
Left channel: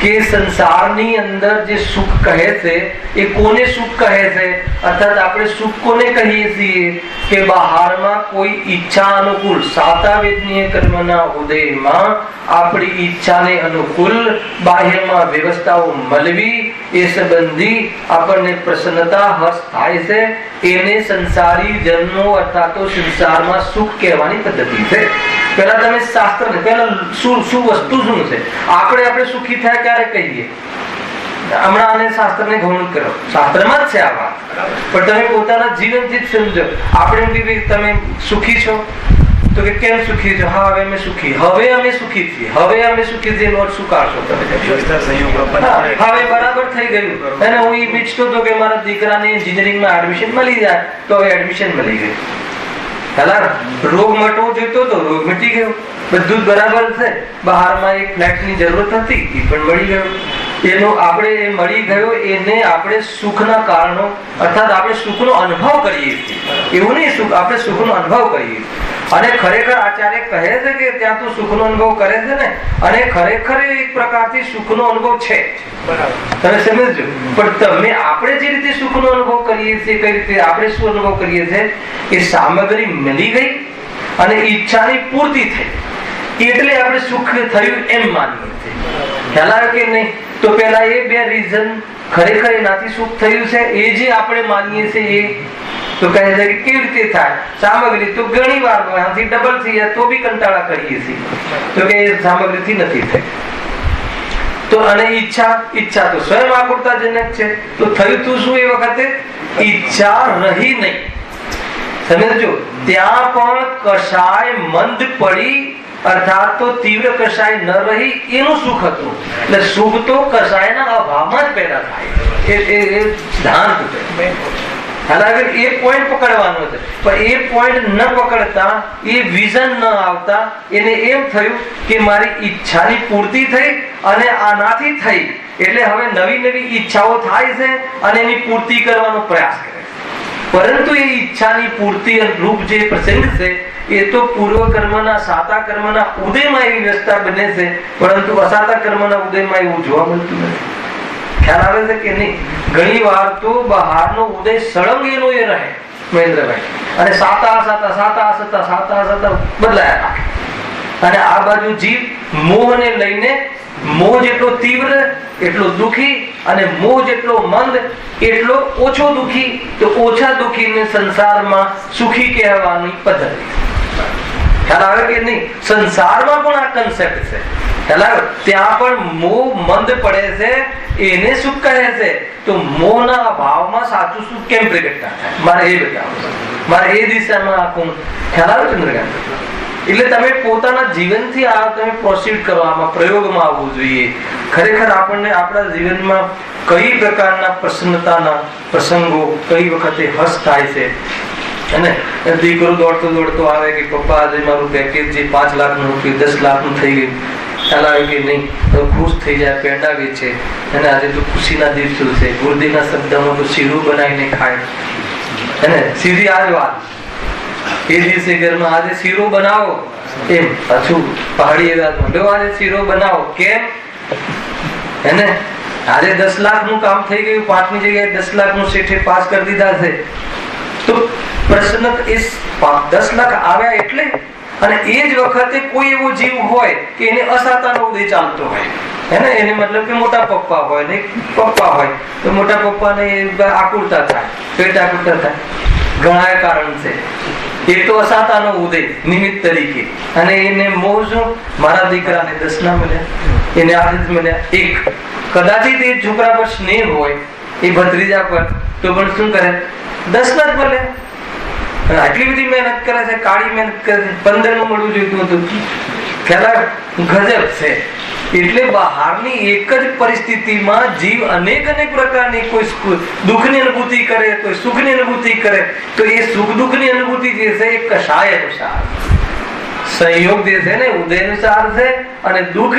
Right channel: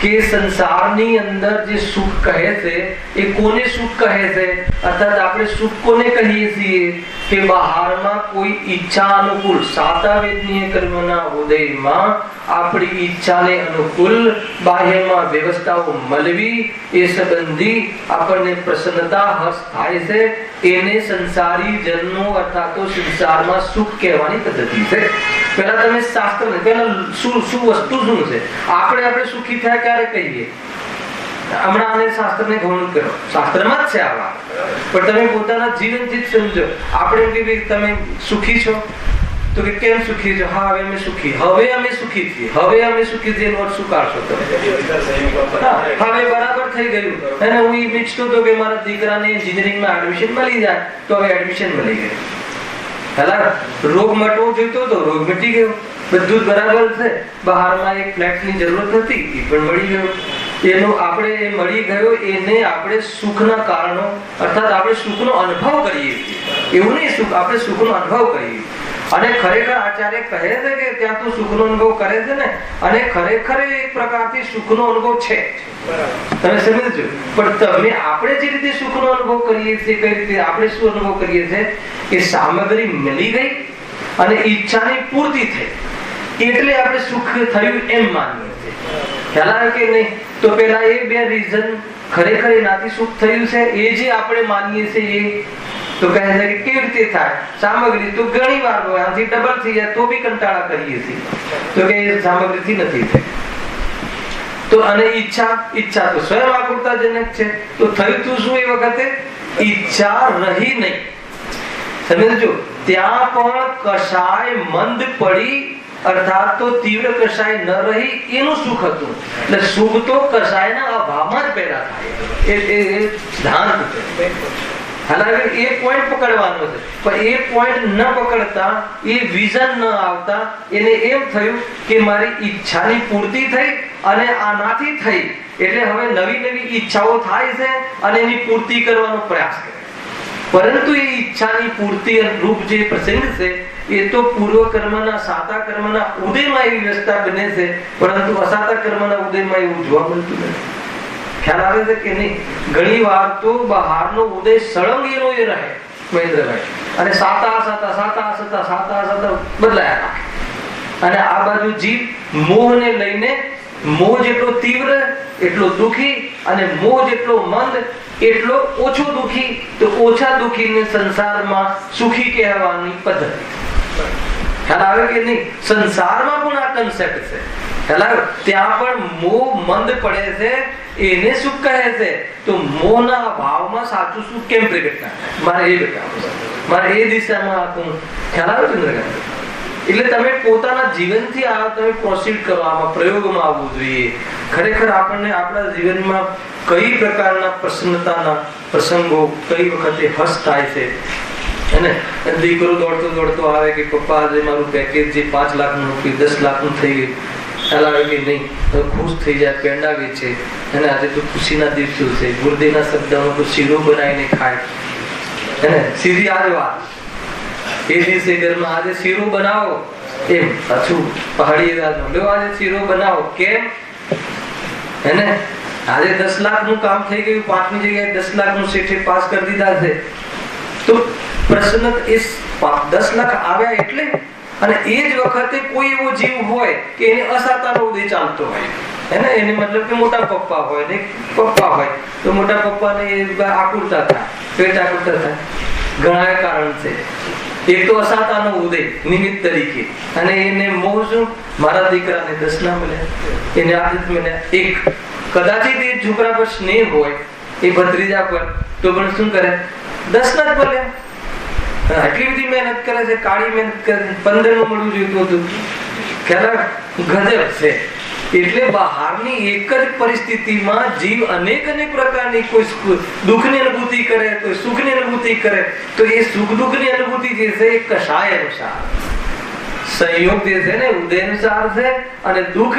કે સંસારની અંદર જે સુખ કહે છે એ કોને સુખ કહે છે? અર્થાત આપણે સુખ કોને કહીએ છીએ કે બહારમાં કોઈ ઈચ્છા અનુકૂળ સાતાવેદનીય કર્મના ઉદયમાં આપણી ઈચ્છાને અનુકૂળ બાહ્યમાં વ્યવસ્થાઓ મળવી એ સંબંધી આપણને પ્રસન્નતા હર્ષ થાય છે. એને સંસારી જન્મો અર્થાત સંસારમાં સુખ કહેવાની પદ્ધતિ છે. પેલા તમે શાસ્ત્ર પેલા શું વસ્તુ શું છે આપણે સુખી થયા ક્યારે કહીએ? હમણાં આને શાસ્ત્રને ગૌણ કરો. શાસ્ત્રમાં જ છે આ વાત, પણ તમે પોતાના જીવનથી જ સમજો. આપણે એમ તમે સુખી છો તો કે કેમ સુખી છો? હા હવે અમે સુખી છીએ. હવે અમે સુખી છીએ એનો શું કાઢશો તમે? હવે બરાબર થઈ ગયું અને હું એ ઈચ્છતો હતો કે મારા દીકરાને એન્જિનિયરિંગમાં એડમિશન મળી જાય તો હવે એડમિશન મળી ગયું. પેલા રોગ મટવો જોઈતો હતો, રોગ મટી ગયો. બધું જ બરાબર છે. બહારમાં એક ફ્લેટની જરૂરત હતી એ પણ મળી ગયો. એનો આપણે મળી ગયો એને આપણે સુખના કારણો અર્થાત આપણે સુખનો અનુભવ કરીએ છીએ. એવું નહીં, આપણે સુખનો અનુભવ કરીએ. અને ખરેખર આચાર્ય કહે છે કે ત્યાં તો સુખનો અનુભવ કરે છે ને, અને ખરેખર એક પ્રકારથી સુખનો અનુભવ છે. તમે સમજો. પણ આપણે જે રીતે સુખનો અનુભવ કરીએ છીએ કઈ રીતે આપણે શું અનુભવ કરીએ છીએ કે સામગ્રી મળી ગઈ અને ઈચ્છાની પૂર્તિ થઈ એટલે આપણે સુખ થયું એમ માનીએ છીએ. ખ્યાલ આવે કે નહીં? તો પેલા એ બે રીઝન ખરેખર એનાથી સુખ થયું છે એ જે આપણે માનીએ છીએ એ તો કહે છે કે કેવી રીતે થાય? સામગ્રી તો ઘણી વાર આનાથી ડબલ થઈ જાય તો બી કંટાળા કરીએ છીએ. તો કે સામગ્રીથી નથી થઈ. તો અને ઈચ્છા તો સ્વયં આકુરતાજનક છે. તો થયું તું શું? એ વખતે ઈચ્છા રહી નહીં. સમજો, ત્યાં પણ કશાય મંદ પડી અર્થાત તો તીવ્ર કશાય ન રહી એનું સુખ હતું. એટલે સુખ તો કશાયના અભાવમાં જ પેદા થાય. એ સિદ્ધાંત છે. હાલાકી એ પોઈન્ટ પકડવાનો છે, પણ એ પોઈન્ટ ન પકડતા એ વિઝન ન આવતા એને એમ થયું કે મારી ઈચ્છાની પૂર્તિ થઈ અને આનાથી થઈ એટલે હવે નવી ઈચ્છાઓ થાય છે અને એની પૂર્તિ કરવાનો પ્રયાસ કરે છે. પરંતુ એ ઈચ્છાની પૂર્તિ રૂપ જે પ્રસંગ છે એ તો પૂર્વ કર્મના સાતા કર્મના ઉદયમાં એવી વ્યવસ્થા બને છે, પરંતુ અસાતા કર્મના ઉદયમાં એવું જોવા મળતું નથી. ખ્યાલ આવે છે કે નહીં? ઘણી વાર તો બહારનો ઉદય સળંગ એનો એ રહે મહેન્દ્રભાઈ, અને સાતા બદલાયા રાખે. અને આ બાજુ જીવ મોહને લઈને મોહ જેટલો તીવ્ર એટલો દુઃખી, અને મોહ જેટલો મંદ એટલો ઓછો દુઃખી. તો ઓછા દુઃખીને સંસારમાં સુખી કહેવાની પદ્ધતિ. ખ્યાલ આવે કે નહીં? સંસારમાં પણ આ કન્સેપ્ટ છે. ખ્યાલ આવે? ત્યાં પણ મોહ મંદ પડે છે, એને સુખ કહે છે. તો મોહના અભાવમાં સાચું સુખ કેમ પ્રગટ થાય? મારે એ બતાવો, મારે એ દિશામાં આખું. ખ્યાલ આવે ચંદ્રકાંત? એટલે તમે પોતાના જીવનથી આ તમે પ્રોસીડ કરો, આમાં પ્રયોગમાં આવવું જોઈએ. ખરેખર આપણને આપણા જીવનમાં કઈ પ્રકારના પ્રસન્નતાના પ્રસંગો, કઈ વખતે હસ થાય છે. અને દીકરો દોડતો દોડતો આવે કે પપ્પા આજે મારું પેકેજ જે 5 લાખનું કે 10 લાખનું થઈ ગયું. ખ્યાલ આવે કે નહીં? તો ખુશ થઈ જાય, પેંડા વેચે. અને આજે તો ખુશીના દિવસો છે. ગુરુદેવના શબ્દમાં તો શીરો બનાવીને ખાય. અને સીધી આ જ વાત, એ દિવસે ઘરમાં આજે શીરો બનાવો, એમ પાછું પહાડી આજે શીરો બનાવો. કેમ? એને આજે 10 લાખનું કામ થઈ ગયું, 5ની જગ્યાએ 10 લાખનું શેઠે પાસ કરી દીધા છે. તો પ્રશ્ન એ 10 લાખ આવ્યા એટલે. અને એ જ વખતે કોઈ એવો જીવ હોય કે એને અસાતાનો ઉદય ચાલતો હોય, એને એને મતલબ કે મોટા પપ્પા હોય ને પપ્પા હોય, તો મોટા પપ્પાને આકુરતા થાય, પેટ આકુરતા થાય. ઘણા કારણ છે. એક તો અસાતાનો ઉદય નિમિત્ત તરીકે, અને એને મોહ શું, મારા દીકરાને 10 ના મળ્યા, એને આ રીતે મળ્યા. એક કદાચિત એ છોકરા પર સ્નેહ હોય, એ ભત્રીજા પર, તો પણ શું કરે, 10 ના જ મળ્યા. આટલી બધી મહેનત કરે છે, કાળી મહેનત કરે છે, 15 નું મળવું જોઈતું હતું. ખ્યાલ ગજબ છે. એટલે બહારની એક જ પરિસ્થિતિમાં જીવ અનેક પ્રકારની, કોઈ દુઃખની અનુભૂતિ કરે, કોઈ સુખની અનુભૂતિ કરે. તો એ સુખ દુઃખની અનુભૂતિ જે છે એ કષાય અનુસાર સંયોગ જે છે ને ઉદય અનુસાર છે, અને દુઃખ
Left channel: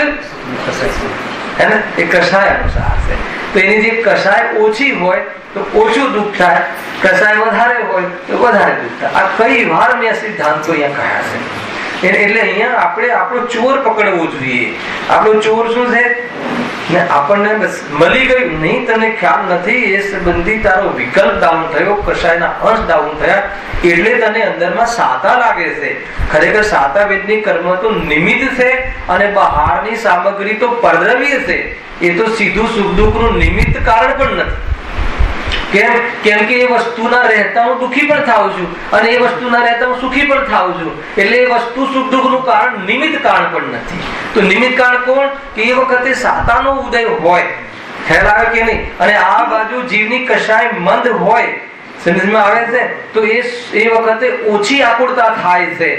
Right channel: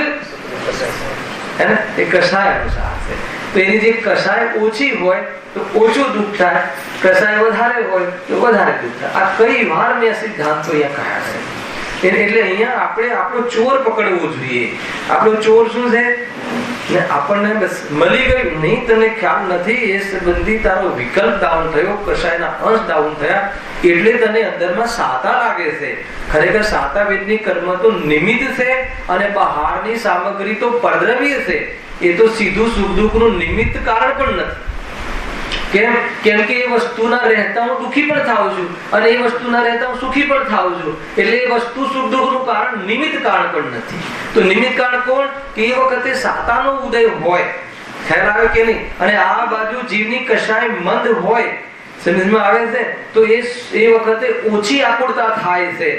હે ને એ કષાય અનુસાર છે. તો એની જે કષાય ઓછી હોય તો ઓછું દુઃખ થાય, કષાય વધારે હોય તો વધારે દુઃખ થાય. આ કઈ વાર મેં સિદ્ધાંતો અહીંયા કહ્યા છે. એટલે અહીંયા આપણે આપણો ચોર પકડવો જોઈએ. આપણો ચોર શું છે ને, આપણને બસ મળી ગયું નહીં, તને ખ્યાલ નથી, એ સંબંધી તારો વિકલ્પ ડાઉન થયો, કષાયના અંશ ડાઉન થયા, એટલે તને અંદરમાં સાતા લાગે છે. ખરેખર સાતા વેદની કર્મ તો નિમિત્ત છે, અને બહારની સામગ્રી તો પરદ્રવ્ય છે. એ તો સીધું સુખ દુઃખનું નિમિત્ત કારણ પણ નથી. કેમ? કેમ કે એ વસ્તુના રહેતા હું દુઃખી પણ થાઉં છું, અને એ વસ્તુના રહેતા હું સુખી પણ થાઉં છું. એટલે એ વસ્તુ સુખ દુઃખનું કારણ નિમિત્ત કારણ પણ નથી. તો નિમિત્ત કારણ કોણ? કે એ વખતે સાતાનો ઉદય હોય. ખ્યાલ આવે કે નહીં? અને આ બાજુ જીવની કષાય મંદ હોય, સમજમાં આવે છે? તો એ વખતે ઓછી આકુરતા થાય છે.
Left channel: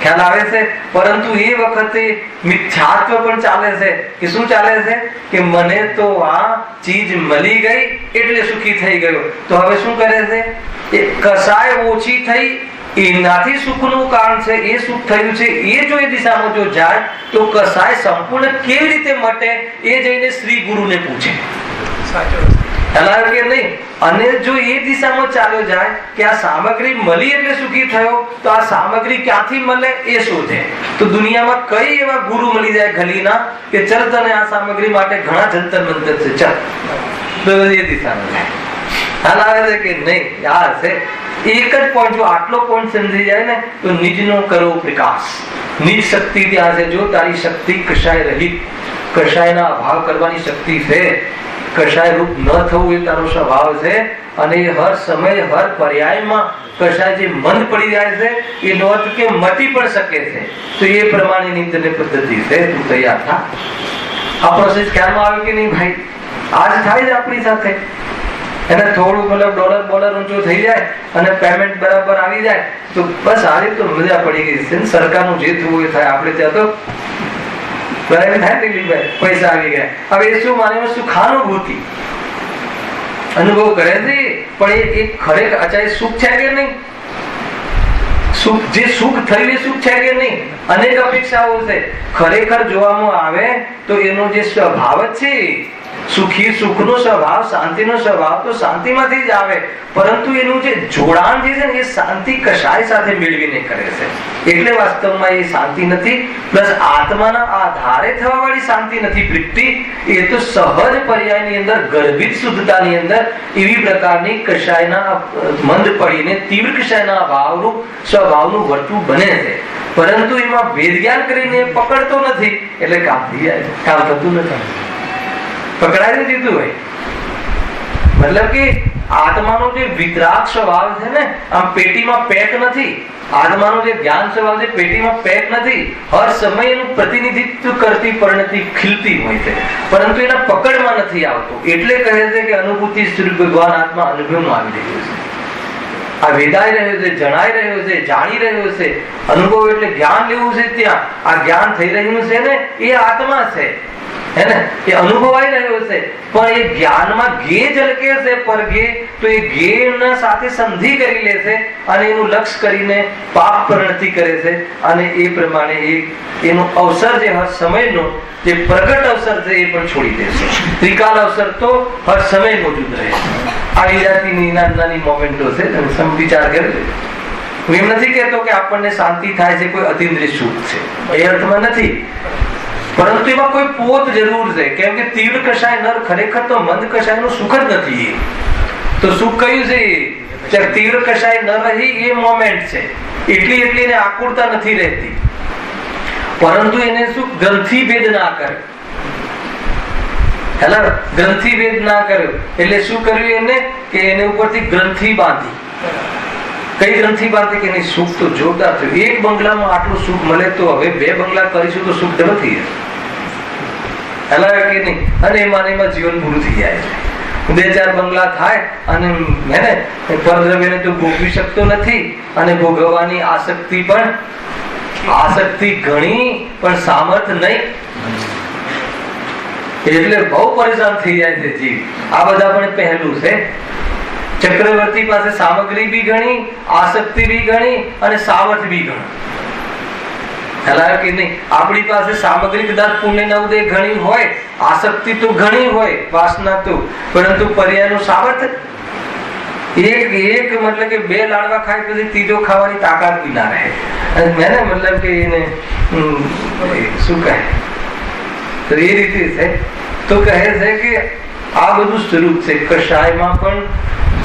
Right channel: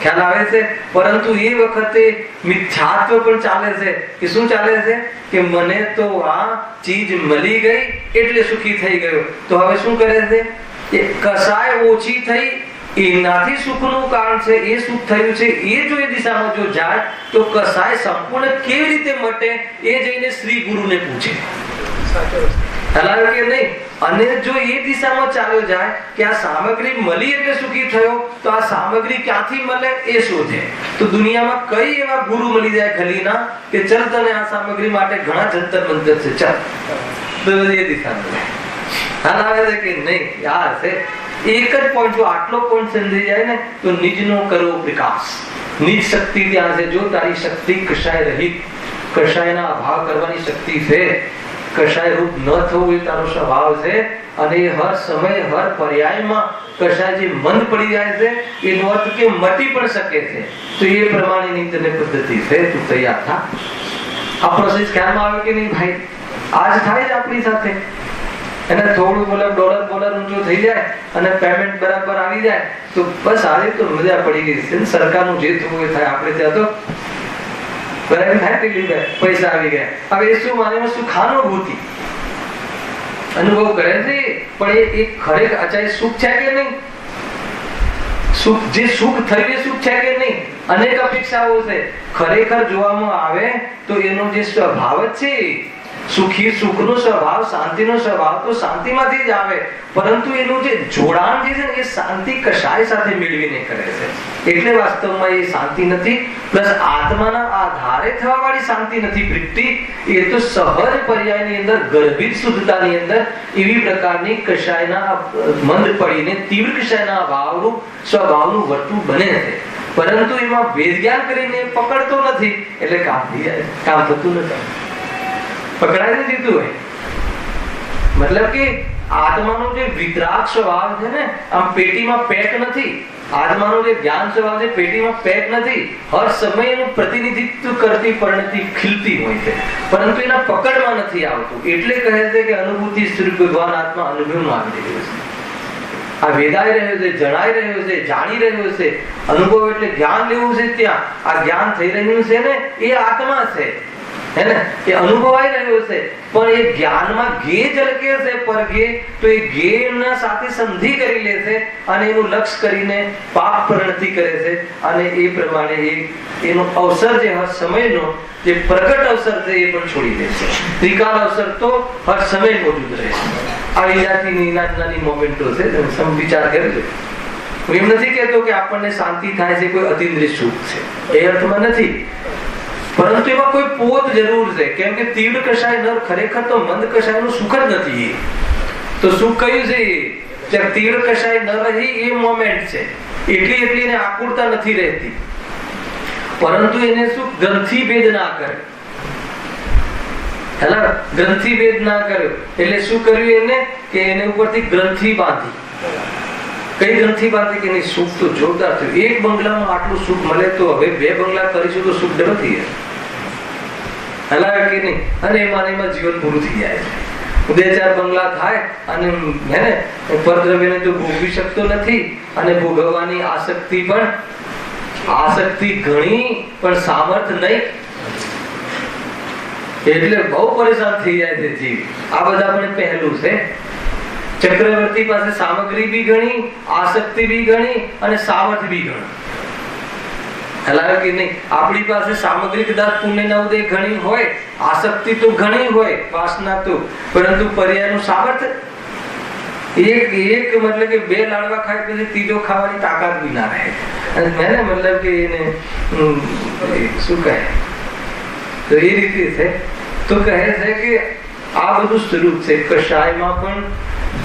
ખ્યાલ આવે છે? પરંતુ એ વખતે મિથ્યાત્વ પણ ચાલે છે. કે શું ચાલે છે? કે મને તો આ ચીજ મળી ગઈ એટલે સુખી થઈ ગયો. તો હવે શું કરે છે? એ કસાય ઓછી થઈ, એનાથી સુખનું કારણ છે, એ સુખ થયું છે, એ જો એ દિશામાં જો જાય તો કસાય સંપૂર્ણ કેવી રીતે મટે એ જઈને શ્રી ગુરુને પૂછે. કે નહીં? અને જો એ દિશામાં ચાલ્યો જાય કે આ સામગ્રી મળી એટલે સુખી થયો, તો આ સામગ્રી ક્યાંથી મળે એ શોધે. તો દુનિયામાં કઈ એવા ગુરુ મળી જાય ગલીના કે ચલ તને આ સામગ્રી માટે ઘણા જંતર મંતર છે, ચાલ. તો એ દિશામાં જાય. હાલ આવે છે કે નહીં? યાર છે એક જ પોઈન્ટ. જો આટલો પોઈન્ટ સમજી જાય ને તો નિજનો કરો પ્રકાશ. નિજ શક્તિ ત્યાં છે. જો તારી શક્તિ કશાય રહિત, કશાયના અભાવ કરવાની શક્તિ છે, કશાય રૂપ ન થવું એ તારો સ્વભાવ છે, અને એ હર સમય હર પર્યાયમાં કશાય જે મંદ પડી જાય છે એ નોંધ કે મટી પણ શકે છે. તો એ પ્રમાણેની તને પદ્ધતિ છે, તું તૈયાર થા. આ પ્રોસેસ ખ્યાલમાં આવે કે નહીં ભાઈ? આજ થાય જ આપણી સાથે. એને થોડું મતલબ ડોલર ઊંચો થઈ જાય અને પેમેન્ટ બરાબર આવી જાય તો બસ આજે તો મજા પડી ગઈ છે. સરકારનું જે થવું એ થાય. આપણે ત્યાં તો પૈસા આવી ગયા. હવે એ શું માને સુખાનુભૂતિ અનુભવ કરે છે, પણ એ ખરેખર અચાય સુખ છે કે નહીં? સુખ જે સુખ થયું એ સુખ છે કે નહીં? અનેક અપેક્ષાઓ છે. ખરેખર જોવામાં આવે તો એનો જે સ્વભાવ છે, સુખી સુખનો સ્વભાવ, શાંતિનો સ્વભાવ તો શાંતિમાંથી જ આવે, પરંતુ એનું જે જોડાણ જે છે ને એ શાંતિ કશાય સાથે મેળવીને કરે છે. એટલે વાસ્તવમાં એ શાંતિ નથી, પ્લસ આત્માના આધારે થવા વાળી શાંતિ નથી પ્રીતિ. એ તો સહજ પર્યાયની અંદર, ગર્ભિત શુદ્ધતાની અંદર એવી પ્રકારની કશાયના મંદ પડીને તીવ્ર કશાયના ભાવરૂપ સ્વભાવનું વર્તું બને છે. પરંતુ એમાં વેદ જ્ઞાન કરીને પકડતો નથી એટલે કામ થતું નથી, પકડાઈ દીધું હોય. મતલબ કે આત્માનો જે વિતરાગ સ્વભાવ છે ને, આમ પેટીમાં પેક નથી. આત્માનો જે જ્ઞાન સ્વભાવ છે પેટીમાં પેક નથી, હર સમય એનું પ્રતિનિધિત્વ કરતી પરિણતિ ખીલતી હોય છે, પરંતુ એના પકડમાં નથી આવતું. એટલે કહે છે કે અનુભૂતિ સ્વરૂપ ભગવાન આત્મા અનુભવમાં આવી રહ્યો છે. આ વેદાઈ રહ્યો છે, જણાઈ રહ્યો છે, જાણી રહ્યો છે. અનુભવ એટલે જ્ઞાન લેવું છે. ત્યાં આ જ્ઞાન થઈ રહ્યું છે ને, એ આત્મા છે, હે ને, એ અનુભવાઈ રહ્યો છે. પણ એ જ્ઞાનમાં ગે ઝલકે છે, પર ગે તો એ ગે સાથે સંધિ કરી લે છે અને એનું લક્ષ્ય કરીને પાપ પરિણતિ કરે છે. અને એ પ્રમાણે એનો અવસર જે સમયનો જે પ્રગટ અવસર છે એ પણ છોડી દે છે. ત્રિકાલ અવસર તો હર સમય મોજૂદ રહે છે. આ વિરાટીની નાની મોમેન્ટો છે, તમે વિચાર કરજો. હું એમ નથી કહેતો કે આપણને શાંતિ થાય છે, કોઈ અતિન્દ્રિય સુખ છે, એ અર્થમાં નથી. પરંતુ એમાં કોઈ પોત જરૂર છે, કેમ કે તીવ્ર કષાય નર ખરેખર તો મંદ કષાયનું સુખ જ નથી. તો સુખ કયું છે? ત્યાં તીવ્ર કષાય ન રહી એ મોમેન્ટ છે. એટલી એને આકુરતા નથી રહેતી, પરંતુ એને શું ગ્રંથિ ભેદ ના કરે. હેલા, ગ્રંથિ ભેદ ના કર્યો એટલે શું કર્યું એને કે એને ઉપરથી ગ્રંથિ બાંધી. કઈ ગ્રંથિ બાંધી કે એની સુખ તો જોરદાર થયું. એક બંગલામાં આટલું સુખ મળે તો હવે 2 બંગલા કરીશું તો સુખ ડબલ થઈ જશે. હેલા કે નહીં? અને એમાં જીવન પૂરું થઈ જાય છે. 2-4 બંગલા થાય અને હે ને પરદ્રવ્યને તો ભોગવી શકતો નથી, અને ભોગવવાની આસક્તિ ઘણી પણ સામર્થ નહીં, એટલે બહુ પરેશાન થઈ જાય છે જીવ. આ બધા પણ પહેલું છે. ચક્રવર્તી પાસે સામગ્રી બી ઘણી, આસક્તિ બી ઘણી અને સામર્થ્ય બી ઘણું. હેલા કે નહીં? આપણી પાસે સામગ્રી કદાચ પુણ્યના ઉદય ઘણી હોય, આસક્તિ તો ઘણી હોય, વાસના તો, પરંતુ પર્યાયનું સામર્થ્ય એક મતલબ કે 2 લાડવા ખાય પછી ત્રીજો ખાવાની તાકાત બી ના રહે. મેને મતલબ કે એને શું કહે, તો એ રીતે છે. તો કહે છે કે આ બધું સ્વરૂપ છે. કષાયમાં પણ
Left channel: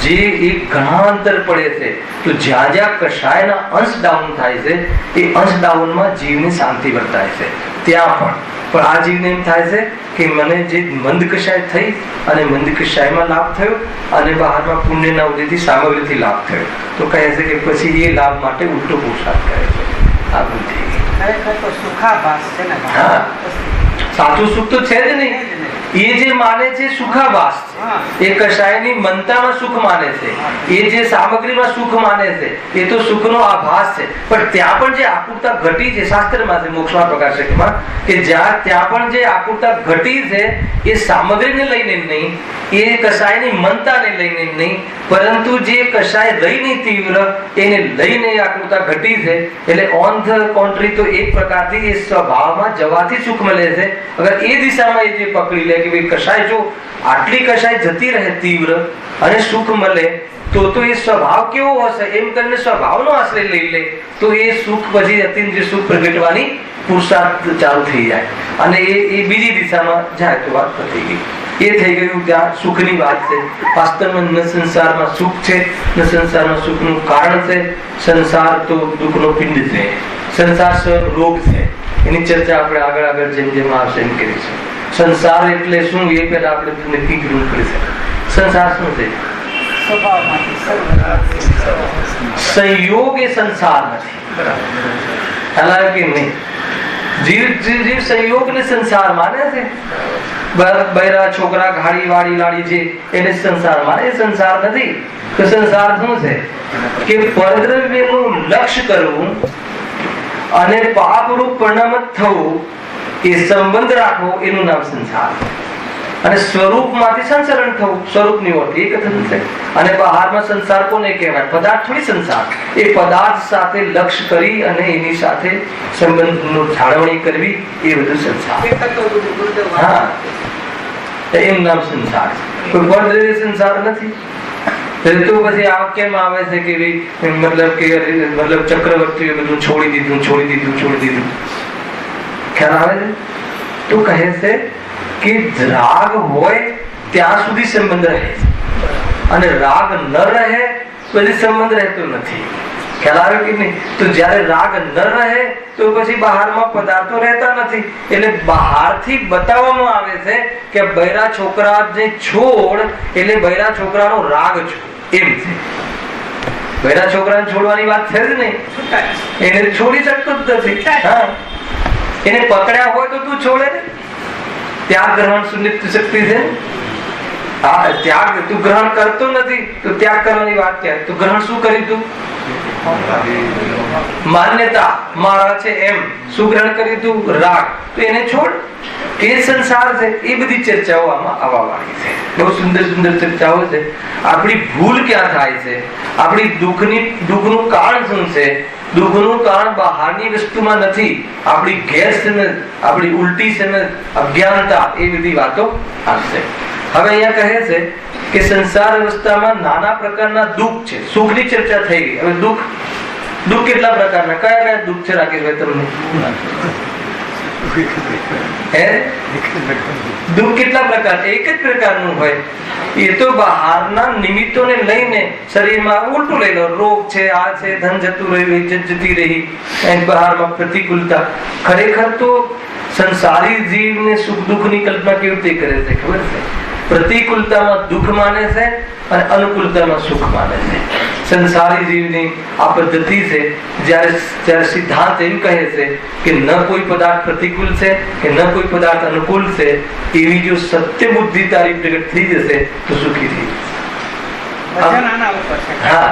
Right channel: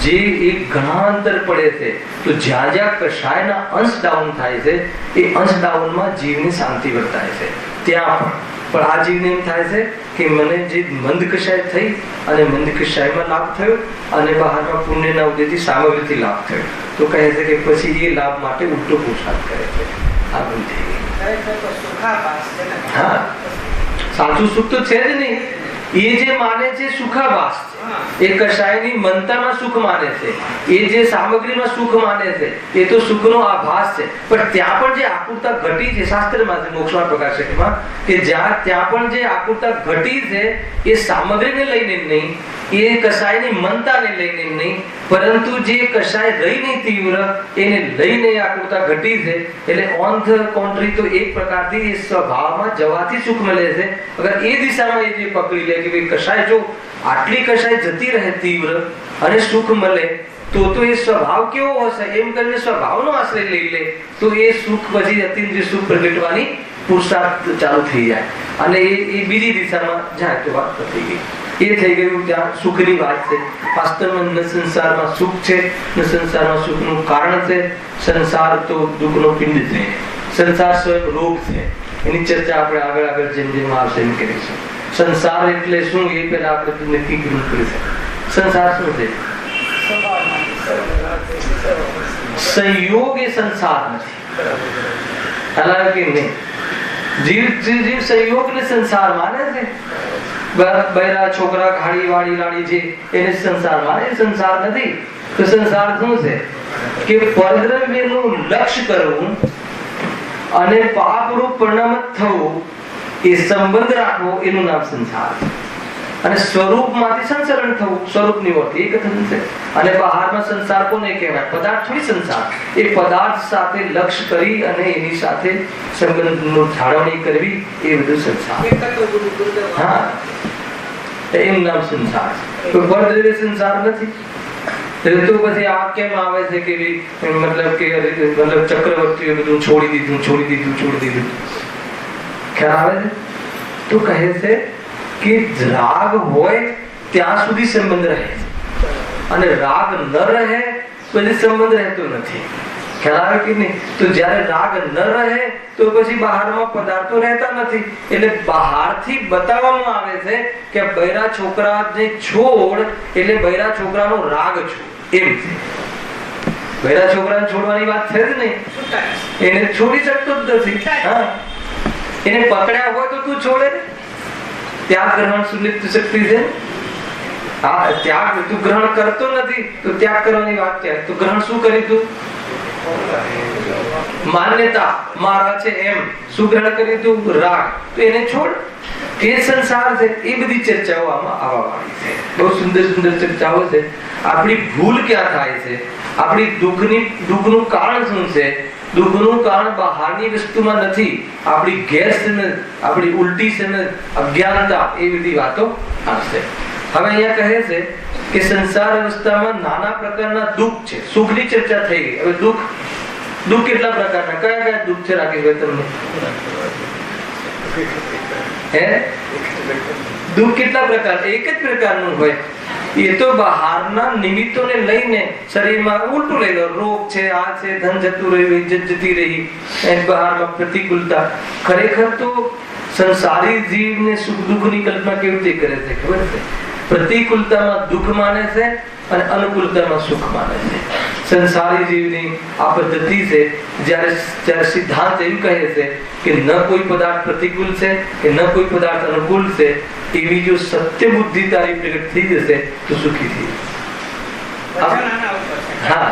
જે એક ઘણા અંતર પડે છે, તો જ્યાં કષાયના અંશ ડાઉન થાય છે એ અંશ ડાઉનમાં જીવની શાંતિ વર્તાય છે. ત્યાં પણ આ જીવને એમ થાય છે કે મને જે મંદ કષાય થઈ અને મંદ કષાયમાં લાભ થયો અને બહારમાં પુણ્યના ઉદયથી સામગ્રીથી લાભ થયો, તો કહે છે કે પછી એ લાભ માટે ઉલટો પુરુષાર્થ કરે છે. આ બુદ્ધિ સાચું સુખ તો છે જ નહીં. એ જે માને છે સુખાભાસ છે, એ કષાયની મનતામાં સુખ માને છે, એ જે સામગ્રીમાં સુખ માને છે એ તો સુખનો આભાસ છે. પણ ત્યાં પણ જે આકુરતા ઘટી છે, શાસ્ત્રમાં છે, મોક્ષમાં પ્રકાશકમાં, કે ત્યાં પણ જે આકુરતા ઘટી છે એ સામગ્રીને લઈને નહીં, એ કષાયની મનતાને લઈને નહીં, પરંતુ જે કષાય રહી નહીં તીવ્ર એને લઈને આકુરતા ઘટી છે. એટલે ઓન ધ કોન્ટ્રી તો એક પ્રકારથી એ સ્વભાવમાં જવાથી સુખ મળે છે. અગર એ દિશામાં એ જે પકડી લે કે ભાઈ કષાય જો આટલી કષાય જતી રહે તીવ્ર અને સુખ મળે તો એ સ્વભાવ કેવો હશે એમ કરીને સ્વભાવનો આશ્રય લઈ લે, તો એ સુખ પછી અતિન્દ્રિય સુખ પ્રગટવાની પુરુષાર્થ ચાલુ થઈ જાય અને એ બીજી દિશામાં જાય તો વાત થઈ ગઈ. એ થઈ ગયું ત્યાં સુખની વાત છે. વાસ્તવમાં ન સંસારમાં સુખ છે, ન સંસારમાં સુખનું કારણ છે. સંસાર તો દુઃખનો પિંડ છે, સંસાર સ્વયં રોગ છે. એની ચર્ચા આપણે આગળ જેમ આવશે એમ કરીશું. સંસાર એટલે શું એ પહેલા આપણે નક્કી કરવું પડશે. સંસાર શું છે? સંયોગ એ સંસાર નથી, કે નહીં? જીવ સંયોગ ને સંસાર માને છે. બૈરા છોકરા ગાડી વાડી લાડી છે એને સંસાર માને, એ સંસાર નથી. તો સંસાર શું છે કે પરદ્રવ્યનું લક્ષ્ય કરવું અને પાપરૂપ પરિણામ થવું, એ સંબંધ રાખવો, એનું નામ સંસાર. અને સ્વરૂપમાંથી સંસરણ થવું, સ્વરૂપની ઓળખ એ કથન છે. અને બહારમાં સંસાર કોને કહેવાય? પદાર્થ થોડી સંસાર. એ પદાર્થ સાથે લક્ષ્ય કરી અને એની સાથે સંબંધનું જાળવણી કરવી, એ બધું સંસાર. હા, એનું નામ સંસાર છે. કોઈ પરદ્રવ્ય સંસાર નથી. તો પછી આ કેમ આવે છે કે મતલબ ચક્રવર્તીએ બધું છોડી દીધું. ખ્યાલ આવે છે? તો કહે છે કે રાગ હોય ત્યાં સુધી સંબંધ રહે છે, અને રાગ ન રહે પછી સંબંધ રહેતો નથી. ખ્યાલ આવે કે નહીં? તો જ્યારે રાગ ન રહે તો પછી બહારમાં પદાર્થો રહેતા નથી, એટલે બહારથી બતાવવામાં આવે છે કે બૈરા છોકરાને છોડ એટલે બૈરા છોકરાનો રાગ છોડ, એમ છે. બૈરા છોકરાને છોડવાની વાત છે જ નહીં, એને છોડી શકતો જ નથી. હા, એને પકડ્યા હોય તો તું છોડે ને? ત્યાગ ગ્રહણ સુનિશ્ચિત શક્તિ છે. હા, ત્યાગ તું ગ્રહણ કરતો નથી તો ત્યાગ કરવાની વાત ક્યાં? તું ગ્રહણ શું કરી? તું માન્યતા મારા છે એમ શું ગ્રહણ કરી? તું રાગ, તો એને છોડ. એ સંસાર છે. એ બધી ચર્ચાઓ આમાં આવવા વાળી છે. બહુ સુંદર સુંદર ચર્ચાઓ છે. આપણી ભૂલ ક્યાં થાય છે? આપણી દુઃખનું કારણ શું છે? દુઃખનું કારણ બહારની વસ્તુમાં નથી, આપણી ગેરસમજ, આપણી ઉલટી સમજ, અજ્ઞાનતા, એ બધી વાતો આવશે. હવે અહીંયા કહે છે કે સંસાર અવસ્થામાં નાના પ્રકારના દુઃખ છે. સુખની ચર્ચા થઈ ગઈ. હવે દુઃખ કેટલા પ્રકારના? કયા કયા દુઃખ છે રાકેશભાઈ તમને? દુઃખ કેટલા પ્રકાર? એક જ પ્રકારનું હોય. એ તો બહારના નિમિત્તોને લઈને શરીરમાં ઉલટું લઈ લો. રોગ છે, આ છે, ધન જતું રહ્યું, ઇજ્જત જતી રહી, બહારમાં પ્રતિકૂળતા. ખરેખર તો સંસારી જીવને સુખ દુઃખની કલ્પના કેવી રીતે કરે છે ખબર છે? પ્રતિકૂળતામાં દુઃખ માને છે અને અનુકૂળતામાં સુખ માને છે. સંસારી જીવની આ પદ્ધતિ છે. જ્યારે સિદ્ધાંત એમ કહે છે કે ન કોઈ પદાર્થ પ્રતિકૂળ છે કે ન કોઈ પદાર્થ અનુકૂળ છે, એવી જો સત્ય બુદ્ધિ તારી પ્રગટ થઈ જશે તો સુખી થઈ જશે. હા,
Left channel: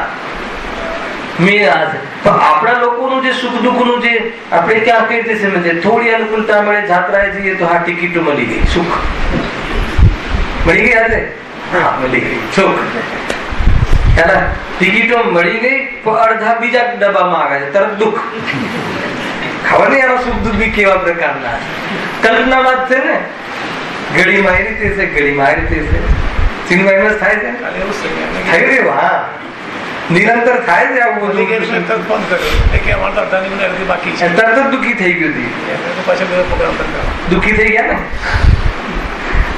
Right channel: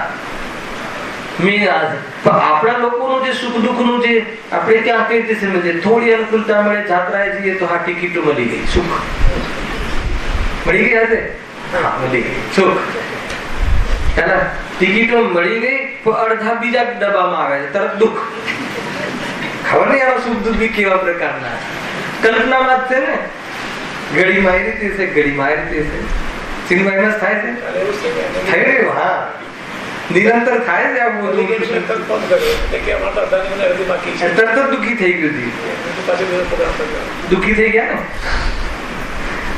મેં આ છે. પણ આપણા લોકોનું જે સુખ દુઃખનું જે આપણે ત્યાં કઈ રીતે સમજે? થોડી અનુકૂળતા મળે, જાત્રાએ જઈએ તો હા ટિકિટો મળી ગઈ, સુખ મળી ગઈ હશે. હા, મળી ગઈ સુખ. ટિકિટો મળી ગઈ તો અડધા બીજા ડબ્બામાં આવે છે, તરત દુઃખ. ખબર નહીં આનો સુખ દુઃખ બી કેવા પ્રકારના કલ્પનામાં જ છે ને. ઘડીમાં એ રીતે છે, ઘડીમાં એ રીતે છે. સિનેમામાં થાય છે, થઈ રહ્યું. હા, નિરંતર થાય છે આવું બધું. તરત જ દુઃખી થઈ ગયું હતું, દુઃખી થઈ ગયા ને.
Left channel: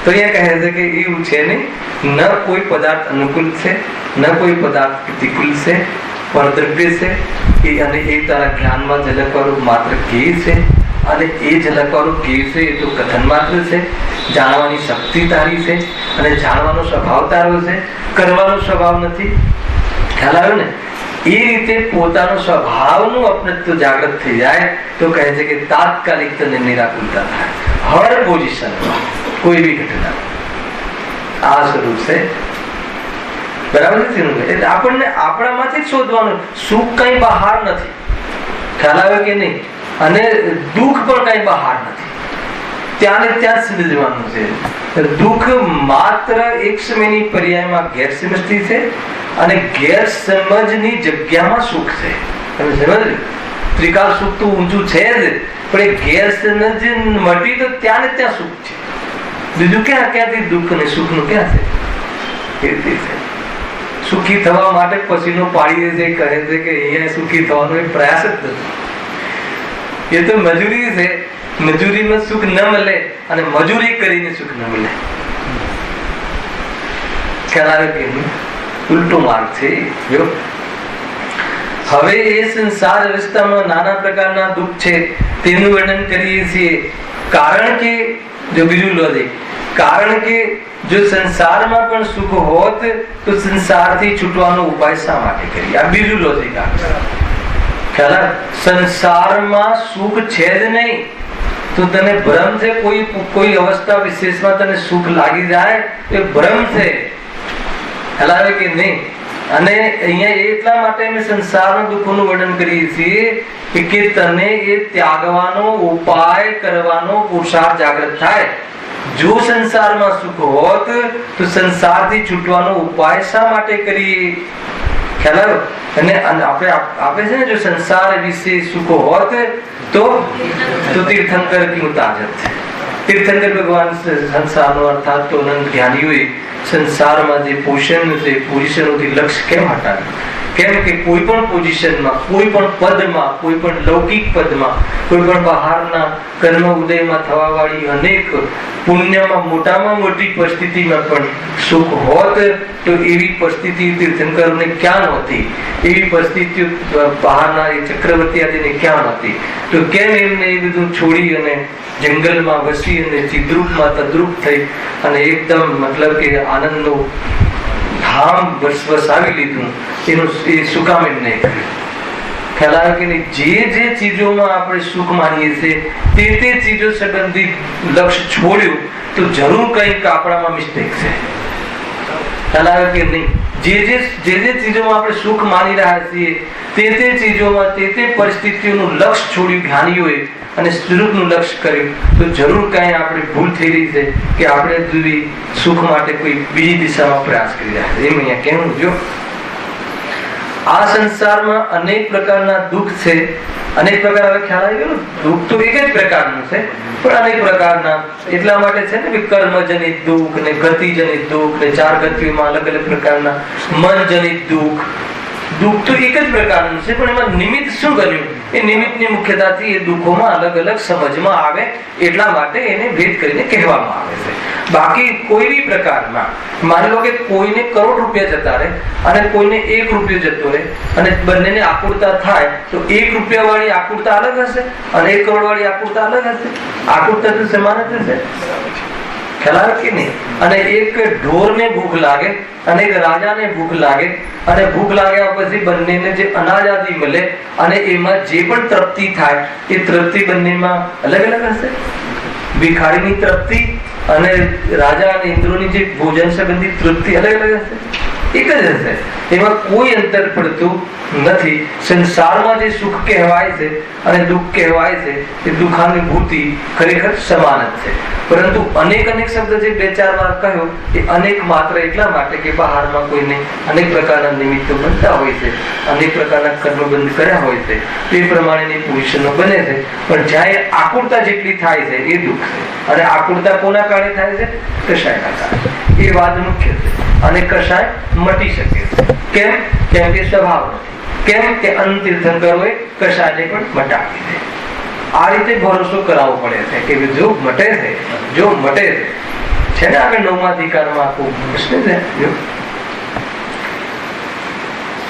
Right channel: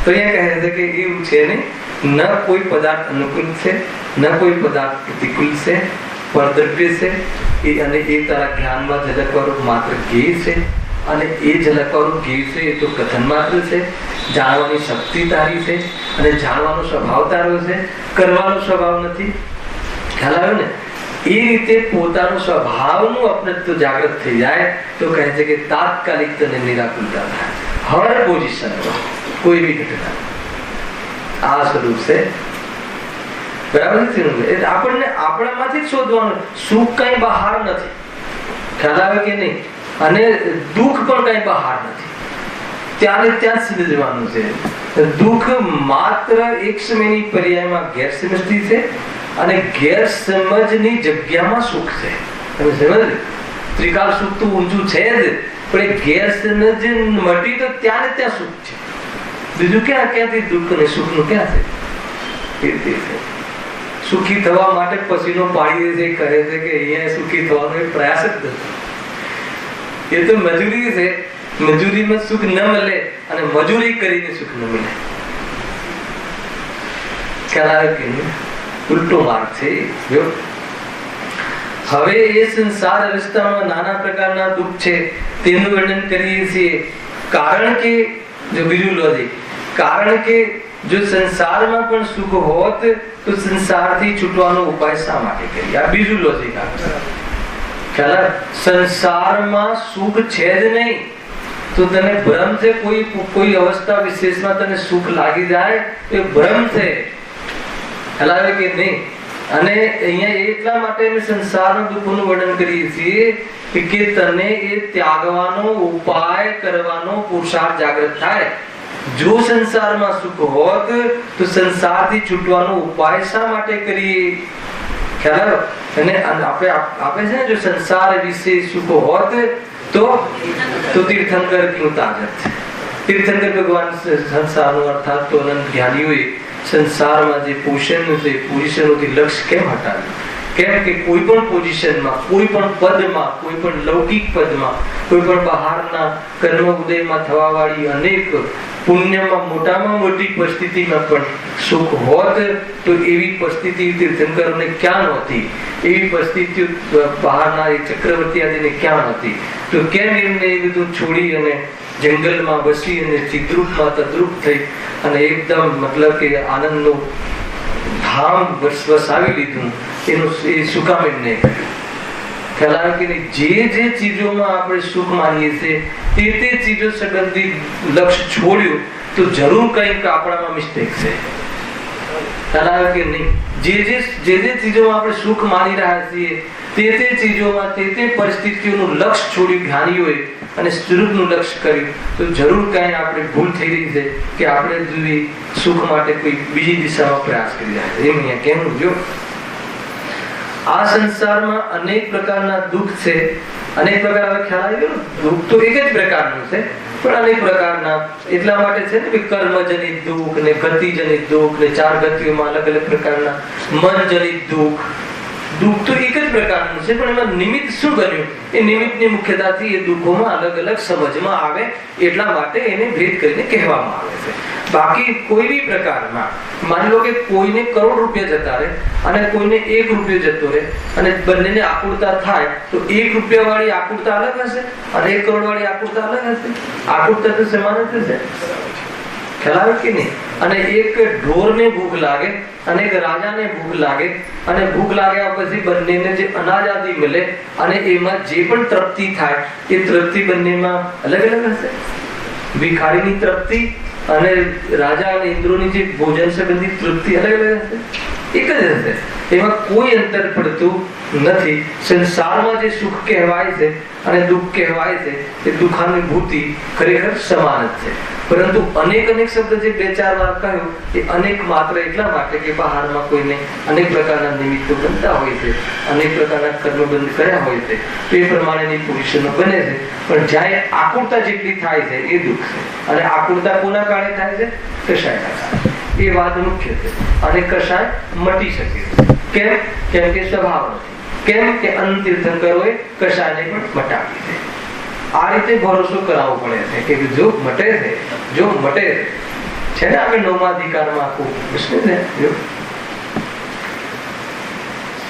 તો અહીંયા કહે છે કે એવું છે નહીં. ન કોઈ પદાર્થ અનુકૂળ છે, ન કોઈ પદાર્થ પ્રતિકૂળ છે, પરદ્રવ્ય છે. અને એ તારા જ્ઞાનમાં ઝલકવાનું માત્ર જ્ઞેય છે. અને એ ઝલકવાનું જ્ઞેય છે એ તો કથન માત્ર છે. જાણવાની શક્તિ તારી છે અને જાણવાનો સ્વભાવ તારો છે, કરવાનો સ્વભાવ નથી. ખ્યાલ આવ્યો ને? એ રીતે પોતાનો સ્વભાવનું અપનત્વ જાગૃત થઈ જાય તો કહે છે કે તાત્કાલિક તને નિરાકુરતા થાય. હર પોઝિશનમાં કોઈ બી ઘટના આ સ્વરૂપ છે. બરાબર છે? એટલે આપણને આપણામાંથી જ શોધવાનું. સુખ કઈ બહાર નથી. ખ્યાલ આવે કે નહીં? અને દુઃખ પણ કઈ બહાર નથી. ત્યાં ને ત્યાં સમજવાનું છે. દુઃખ માત્ર એક સમયની પર્યાયમાં ગેરસમજથી છે અને ગેરસમજની જગ્યામાં સુખ છે. તમે સમજ? ત્રિકાલ સુખ તો ઊંચું છે જ, પણ એ ગેરસમજ મટી તો ત્યાં ને ત્યાં સુખ છે. બીજું ક્યાંથી દુઃખ અને સુખ નું ક્યાં છે? એ રીતે છે. સુખી થવા માટે પસીનો પાડી દે છે, કહે છે કે અહીંયા સુખી થવાનો એક પ્રયાસ જ નથી. એ તો મજૂરી છે. મજૂરીમાં સુખ ન મળે અને મજૂરી કરીને સુખ ન મળે. ખ્યાલ આવે કે નહીં? ઉલટો માર્ગ છે. હવે એ સંસાર અવસ્થામાં નાના પ્રકારના દુઃખ છે તેનું વર્ણન કરીએ છીએ. કારણ કે જો બીજું લોજિક, કારણ કે જો સંસારમાં પણ સુખ હોત તો સંસારથી છૂટવાનો ઉપાય શા માટે કરીએ? આ બીજું લોજિક. ખ્યાલ આવે? સંસારમાં સુખ છે જ નહીં તો તને ભ્રમ છે. કોઈ અવસ્થા વિશેષમાં તને સુખ લાગી જાય તો એ ભ્રમ છે. ખ્યાલ આવે કે નહીં? અને અહીંયા એટલા માટે અમે સંસારના દુઃખોનું વર્ણન કરીએ છીએ કે તને એ ત્યાગવાનો ઉપાય કરવાનો પુરુષાર્થ જાગૃત થાય. જો સંસારમાં સુખ હોત તો સંસારથી છૂટવાનો ઉપાય શા માટે કરીએ? ખ્યાલ આવ્યો? અને આપે છે ને, જો સંસાર વિશે સુખ હોત તો તીર્થંકર ક્યું તાજત. તીર્થંકર ભગવાન સંસારનો અર્થાત તો અનંત જ્ઞાનીઓએ સંસારમાં જે પોષણ છે, પોઝિશનોથી લક્ષ્ય કેમ હટાવ્યું? કેમ કે કોઈ પણ પોઝિશનમાં, કોઈ પણ પદમાં, કોઈ પણ લૌકિક પદમાં, કોઈ પણ બહારના કર્મ ઉદયમાં થવા વાળી અનેક પુણ્યમાં મોટામાં મોટી પરિસ્થિતિમાં પણ સુખ હોત તો એવી પરિસ્થિતિ તીર્થંકરોને ક્યાં નહોતી, એવી પરિસ્થિતિઓ બહારના ચક્રવર્તી આદિને ક્યાં નહોતી. તો કેમ એમને એ બધું છોડી અને જંગલમાં વસી અને ચિદ્રૂપમાં તદ્રુપ થઈ અને એકદમ મતલબ કે આનંદનો ધામ વસાવી લીધું, એનું એ શું કામ એમને ખ્યાલ આવે કે જે ચીજોમાં આપણે સુખ માનીએ છીએ તે ચીજો સંબંધી લક્ષ્ય છોડ્યું તો જરૂર કંઈક આપણામાં મિસ્ટેક છે. ખ્યાલ આવે કે નહીં? જે ચીજોમાં આપણે સુખ માની રહ્યા છીએ તે ચીજોમાં તે પરિસ્થિતિઓનું લક્ષ્ય છોડ્યું જ્ઞાનીઓએ અને સ્વરૂપનું લક્ષ્ય કર્યું તો જરૂર કઈ આપણે ભૂલ થઈ રહી છે કે આપણે સુખ માટે કોઈ બીજી દિશામાં પ્રયાસ કરી રહ્યા છે. એમ અહીંયા કહેવું જો આ સંસારમાં અનેક પ્રકારના દુઃખ છે. અનેક પ્રકાર, હવે ખ્યાલ આવી ગયો, દુઃખ તો એક જ પ્રકારનું છે પણ અનેક પ્રકારના. એટલા માટે છે ને કે કર્મજનિત દુઃખ ને ગતિજનિત દુઃખ ને 4 ગતિઓમાં અલગ અલગ પ્રકારના મનજનિત દુઃખ. દુઃખ તો એક જ પ્રકારનું છે પણ એમાં નિમિત્ત શું બન્યું એ નિમિત્તની મુખ્યતાથી એ દુઃખોમાં અલગ અલગ સમજમાં આવે એટલા માટે એને ભેદ કરીને કહેવામાં આવે છે. બાકી કોઈ બી પ્રકારમાં માની લો કે કોઈને કરોડ રૂપિયા જતા રહે અને કોઈને 1 રૂપિયો જતો રહે અને બંનેને આકુળતા થાય તો 1 રૂપિયા વાળી આકુળતા અલગ હશે અને 1 કરોડ વાળી આકુળતા અલગ હશે. આકુળતા તો સમાન જ હશે. ખ્યાલ આવે કે નહીં? અને એક ઢોરને ભૂખ લાગે અને એક રાજાને ભૂખ લાગે અને ભૂખ લાગ્યા પછી બંનેને જે અનાજ આદિ મળે અને એમાં જે પણ તૃપ્તિ થાય એ તૃપ્તિ બંનેમાં અલગ અલગ હશે. ભિખારીની તૃપ્તિ અને રાજા અને ઇન્દ્રોની જે ભોજન સંબંધી તૃપ્તિ અલગ અલગ હશે, એક જ હશે. એમાં કોઈ અંતર પડતું નથી. સંસારમાં જે સુખ કહેવાય છે અને દુઃખ કહેવાય છે એ દુઃખાનુભૂતિ ખરેખર સમાન જ છે. પરંતુ અનેક શબ્દ જે 2-4 વાર કહ્યો એ અનેક માત્ર એટલા માટે કે બહારમાં કોઈને અનેક પ્રકારના નિમિત્તો બનતા હોય છે, અનેક પ્રકારના કર્મબંધ કર્યા હોય છે, તે પ્રમાણેની પોઝિશનો બને છે. પણ જ્યાં આકુળતા જેટલી થાય છે એ દુઃખ છે. અને આકુળતા કોના કારણે થાય છે? કશાયના કારણે. એ વાત મુખ્ય છે. અને કશાય મટી શકે છે. કેમ? કેમ કે સ્વભાવ નથી. કેમ કે અનંત તીર્થંકરોએ કશાયને પણ મટાવી છે. આ રીતે ભરોસો કરાવવો પડે છે કે જો મટે છે ને આગળ 9મા અધિકારમાં આખું પ્રશ્ન છે.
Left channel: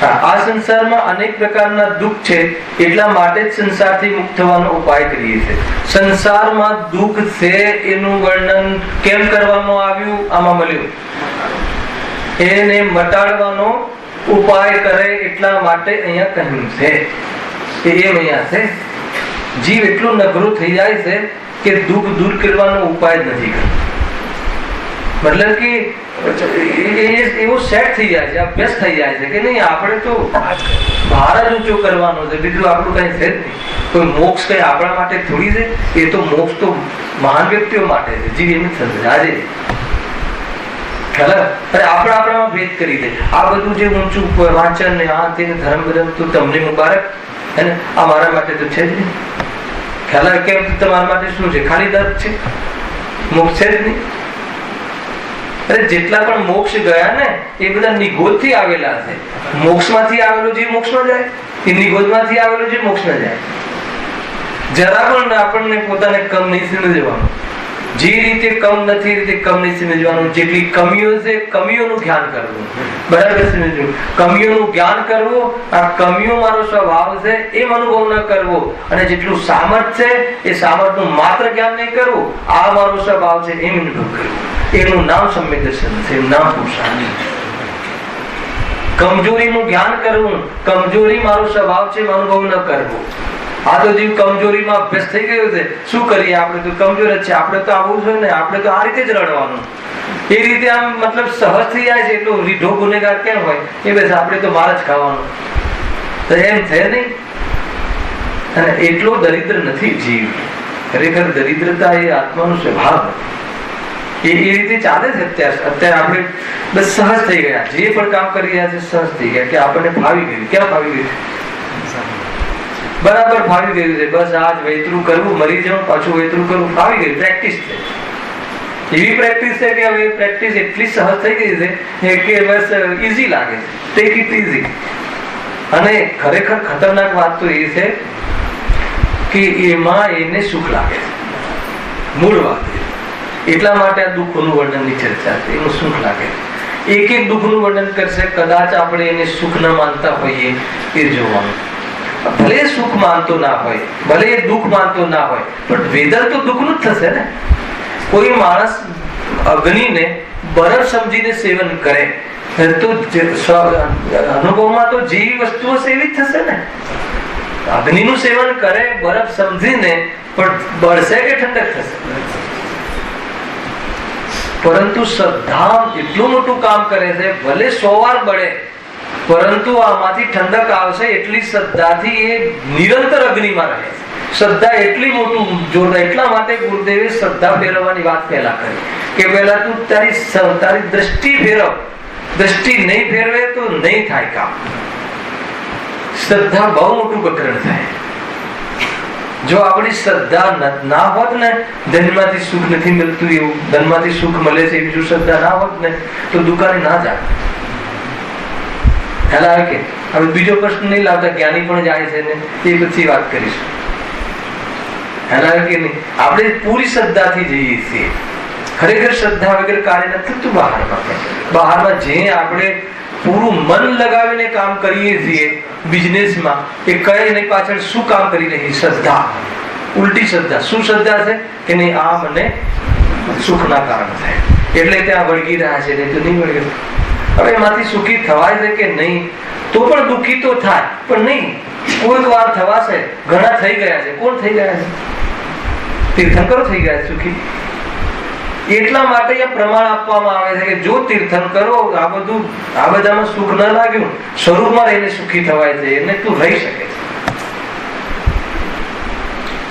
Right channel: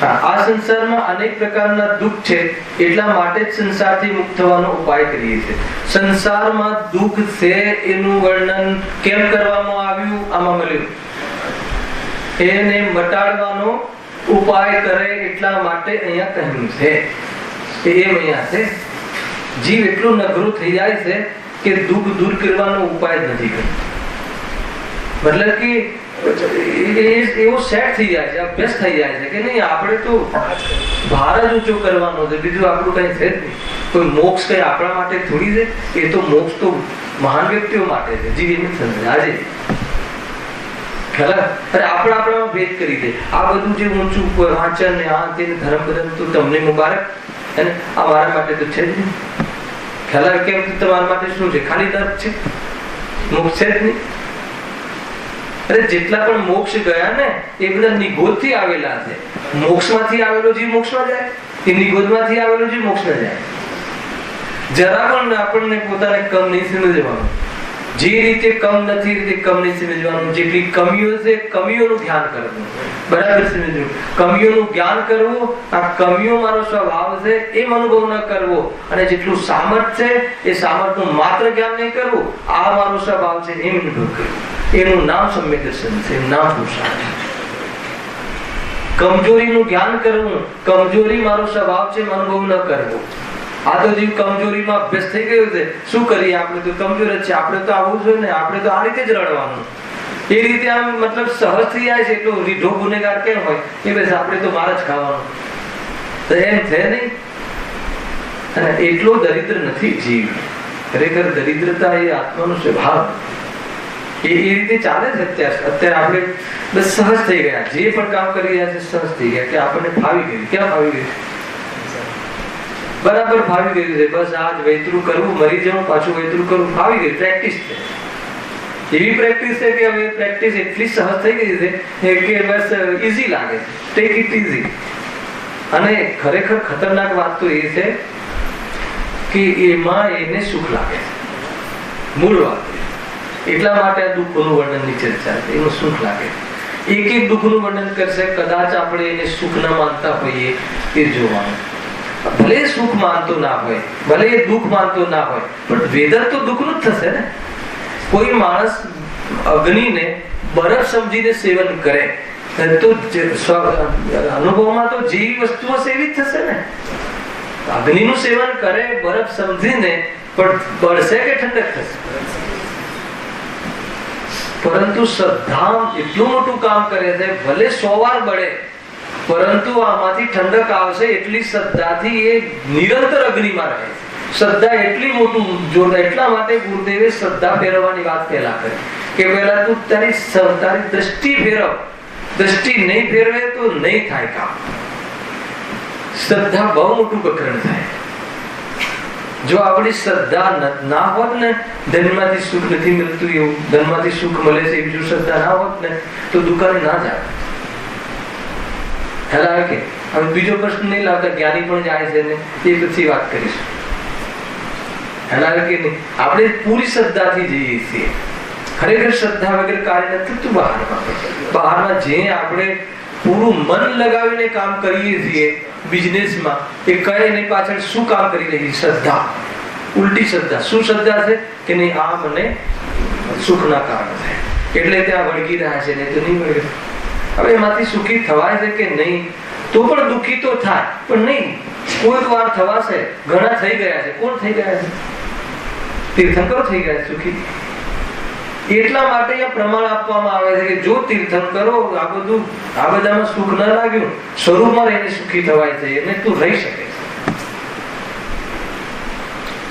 આ સંસારમાં અનેક પ્રકારના દુઃખ છે એટલા માટે જ સંસારથી મુક્ત થવાનો ઉપાય કરીએ છીએ. સંસારમાં દુઃખ છે એનું વર્ણન કેમ કરવામાં આવ્યું? આમાં મળ્યું એને મટાડવાનો ઉપાય કરે એટલા માટે અહીંયા કહ્યું છે. એમ અહીંયા છે જીવ એટલો નગરો થઈ જાય છે કે દુઃખ દૂર કરવાનો ઉપાય જ નથી કરતો. મતલબ કે એવો સેટ થઈ જાય છે, અભ્યાસ થઈ જાય છે કે નહીં આપણે તો ભાર જ ઊંચો કરવાનો છે, બીજું આપણું કઈ છે જ નહીં. કોઈ મોક્ષ કઈ આપણા માટે થોડી છે. એ તો મોક્ષ તો મહાન વ્યક્તિઓ માટે છે. જીવ એમ થશે આજે આપણામાં ભેદ કરી દે. આ બધું જે ઊંચું વાંચન ને આ તેને ધર્મ બદલ તો તમને મુબારક હે ને, આ મારા માટે તો છે જ નહીં. ખ્યાલ કેમ? તમારા માટે શું છે? ખાલી દર્દ છે, મોક્ષ છે જ નહીં. અરે જેટલા પણ મોક્ષ ગયા ને એ બધા નિગોદ થી આવેલા છે. મોક્ષ માંથી આવેલો જે મોક્ષ માં જાય એ નિગોદ માંથી આવેલો જે મોક્ષ માં જાય. જરા પણ આપણને પોતાને કમ નહીં સમજવાનું. જે રીતે કમ નથી રીતે કમ નહીં સમજવાનું. જેટલી કમીઓ છે કમીઓનું ધ્યાન કરવું. બરાબર સમજવું? કમીઓનું જ્ઞાન કરવું. આ કમીઓ મારો સ્વભાવ છે એમ અનુભવ ન કરવો. અને જેટલું સામર્થ છે એ સામર્થનું માત્ર જ્ઞાન નહીં કરવું. આ મારો સ્વભાવ છે એમ અનુભવ કરવું. એનું નામ સમ્યક દર્શન છે, એનું નામ પુરુષાર્થ. કમજોરીનું જ્ઞાન કરવું. કમજોરી મારો સ્વભાવ છે એમ અનુભવ ન કરવો. આ તો જીવ કમજોરીમાં અભ્યાસ થઈ ગયો છે. શું કરીએ? આપણે તો કમજોર જ છે. આપણે તો આવું છે ને, આપણે તો આ રીતે જ રડવાનું. એ રીતે આમ મતલબ સહજ થઈ જાય છે. એટલો રીઢો ગુનેગાર કેમ હોય? એ બસ આપણે તો માર જ ખાવાનું. તો એમ છે નહીં. અને એટલો દરિદ્ર નથી જીવ. ખરેખર દરિદ્રતા એ આત્માનો સ્વભાવ એ રીતે ચાલે છે. અત્યારે આપણે બસ સહજ થઈ ગયા. જે પણ કામ કરી રહ્યા છે સહજ થઈ ગયા કે આપણને ફાવી ગયું. ક્યાં ફાવી ગયું? બરાબર ફાવી ગયું છે. બસ આજ વૈતરું કરવું, મરી જવું, પાછું વૈતરું કરવું, ફાવી ગયું. પ્રેક્ટિસ છે. એવી પ્રેક્ટિસ છે કે હવે પ્રેક્ટિસ એટલી સહજ થઈ ગઈ છે કે બસ ઈઝી લાગે. Take it easy. અને ખરેખર ખતરનાક વાત તો એ છે કે એમાં એને સુખ લાગે છે. મૂળ વાત એટલા માટે આ દુઃખોનું વર્ણનની ચર્ચા છે. એનું સુખ લાગે, એક એક દુઃખનું વર્ણન કરશે. કદાચ આપણે એને સુખ ન માનતા હોઈએ એ જોવાનું. ભલે સુખ માનતો ના હોય, ભલે એ દુઃખ માનતો ના હોય, પણ વેદન તો દુઃખનું જ થશે ને. કોઈ માણસ અગ્નિને બરફ સમજીને સેવન કરે તો અનુભવમાં તો જેવી વસ્તુઓ એવી જ થશે ને. અગ્નિનું સેવન કરે બરફ સમજીને, પણ બળશે કે ઠંડક થશે? પરંતુ શ્રદ્ધા એટલું મોટું કામ કરે છે, ભલે 100 વાર બળે, પરંતુ આમાંથી ઠંડક આવશે. એટલી શ્રદ્ધાથી એ નિરંતર અગ્નિમાં રહે છે. શ્રદ્ધા એટલી મોટું જોરદાર. એટલા માટે ગુરુદેવે શ્રદ્ધા ફેરવવાની વાત પહેલા કરી કે પહેલા તું તારી દ્રષ્ટિ ફેરવ. દ્રષ્ટિ નહીં ફેરવે તો નહીં થાય કામ. શ્રદ્ધા બહુ મોટું પ્રકરણ થાય. જો આપણી શ્રદ્ધા ના હોત ને, ધનમાંથી સુખ નથી મળતું એવું, ધનમાંથી સુખ મળે છે એવી જો શ્રદ્ધા ના હોત ને, તો દુકાને ના જાય. ખ્યાલ આવે કે? હવે બીજો પ્રશ્ન નહીં લાવતા, જ્ઞાની પણ જાય છે ને, એ પછી વાત કરીશું. ખ્યાલ આવે કે નહીં? આપણે પૂરી શ્રદ્ધાથી જઈએ છીએ. ખરેખર શ્રદ્ધા વગર કાર્ય નથી થતું બહારમાં જે આપણે પૂરું મન લગાવીને કામ કરીએ છીએ બિઝનેસમાં, એ કઈ એની પાછળ શું કામ કરી રહી? શ્રદ્ધા. ઉલટી શ્રદ્ધા. શું શ્રદ્ધા છે કે નહીં, આ મને સુખના કારણ થાય એટલે ત્યાં વળગી રહ્યા છે, નહીં તો નહીં વળગે. હવે એમાંથી સુખી થવાય છે કે નહીં, તો પણ દુઃખી તો થાય, પણ નહીં. કોઈક વાર થવાશે. ઘણા થઈ ગયા છે. કોણ થઈ ગયા છે? તીર્થંકરો થઈ ગયા છે સુખી. એટલા માટે આ પ્રમાણ આપવામાં આવે છે કે જો તીર્થંકરો આ બધામાં સુખ ન લાગ્યું, સ્વરૂપમાં રહીને સુખી થવાય છે, એને તું રહી શકે છે.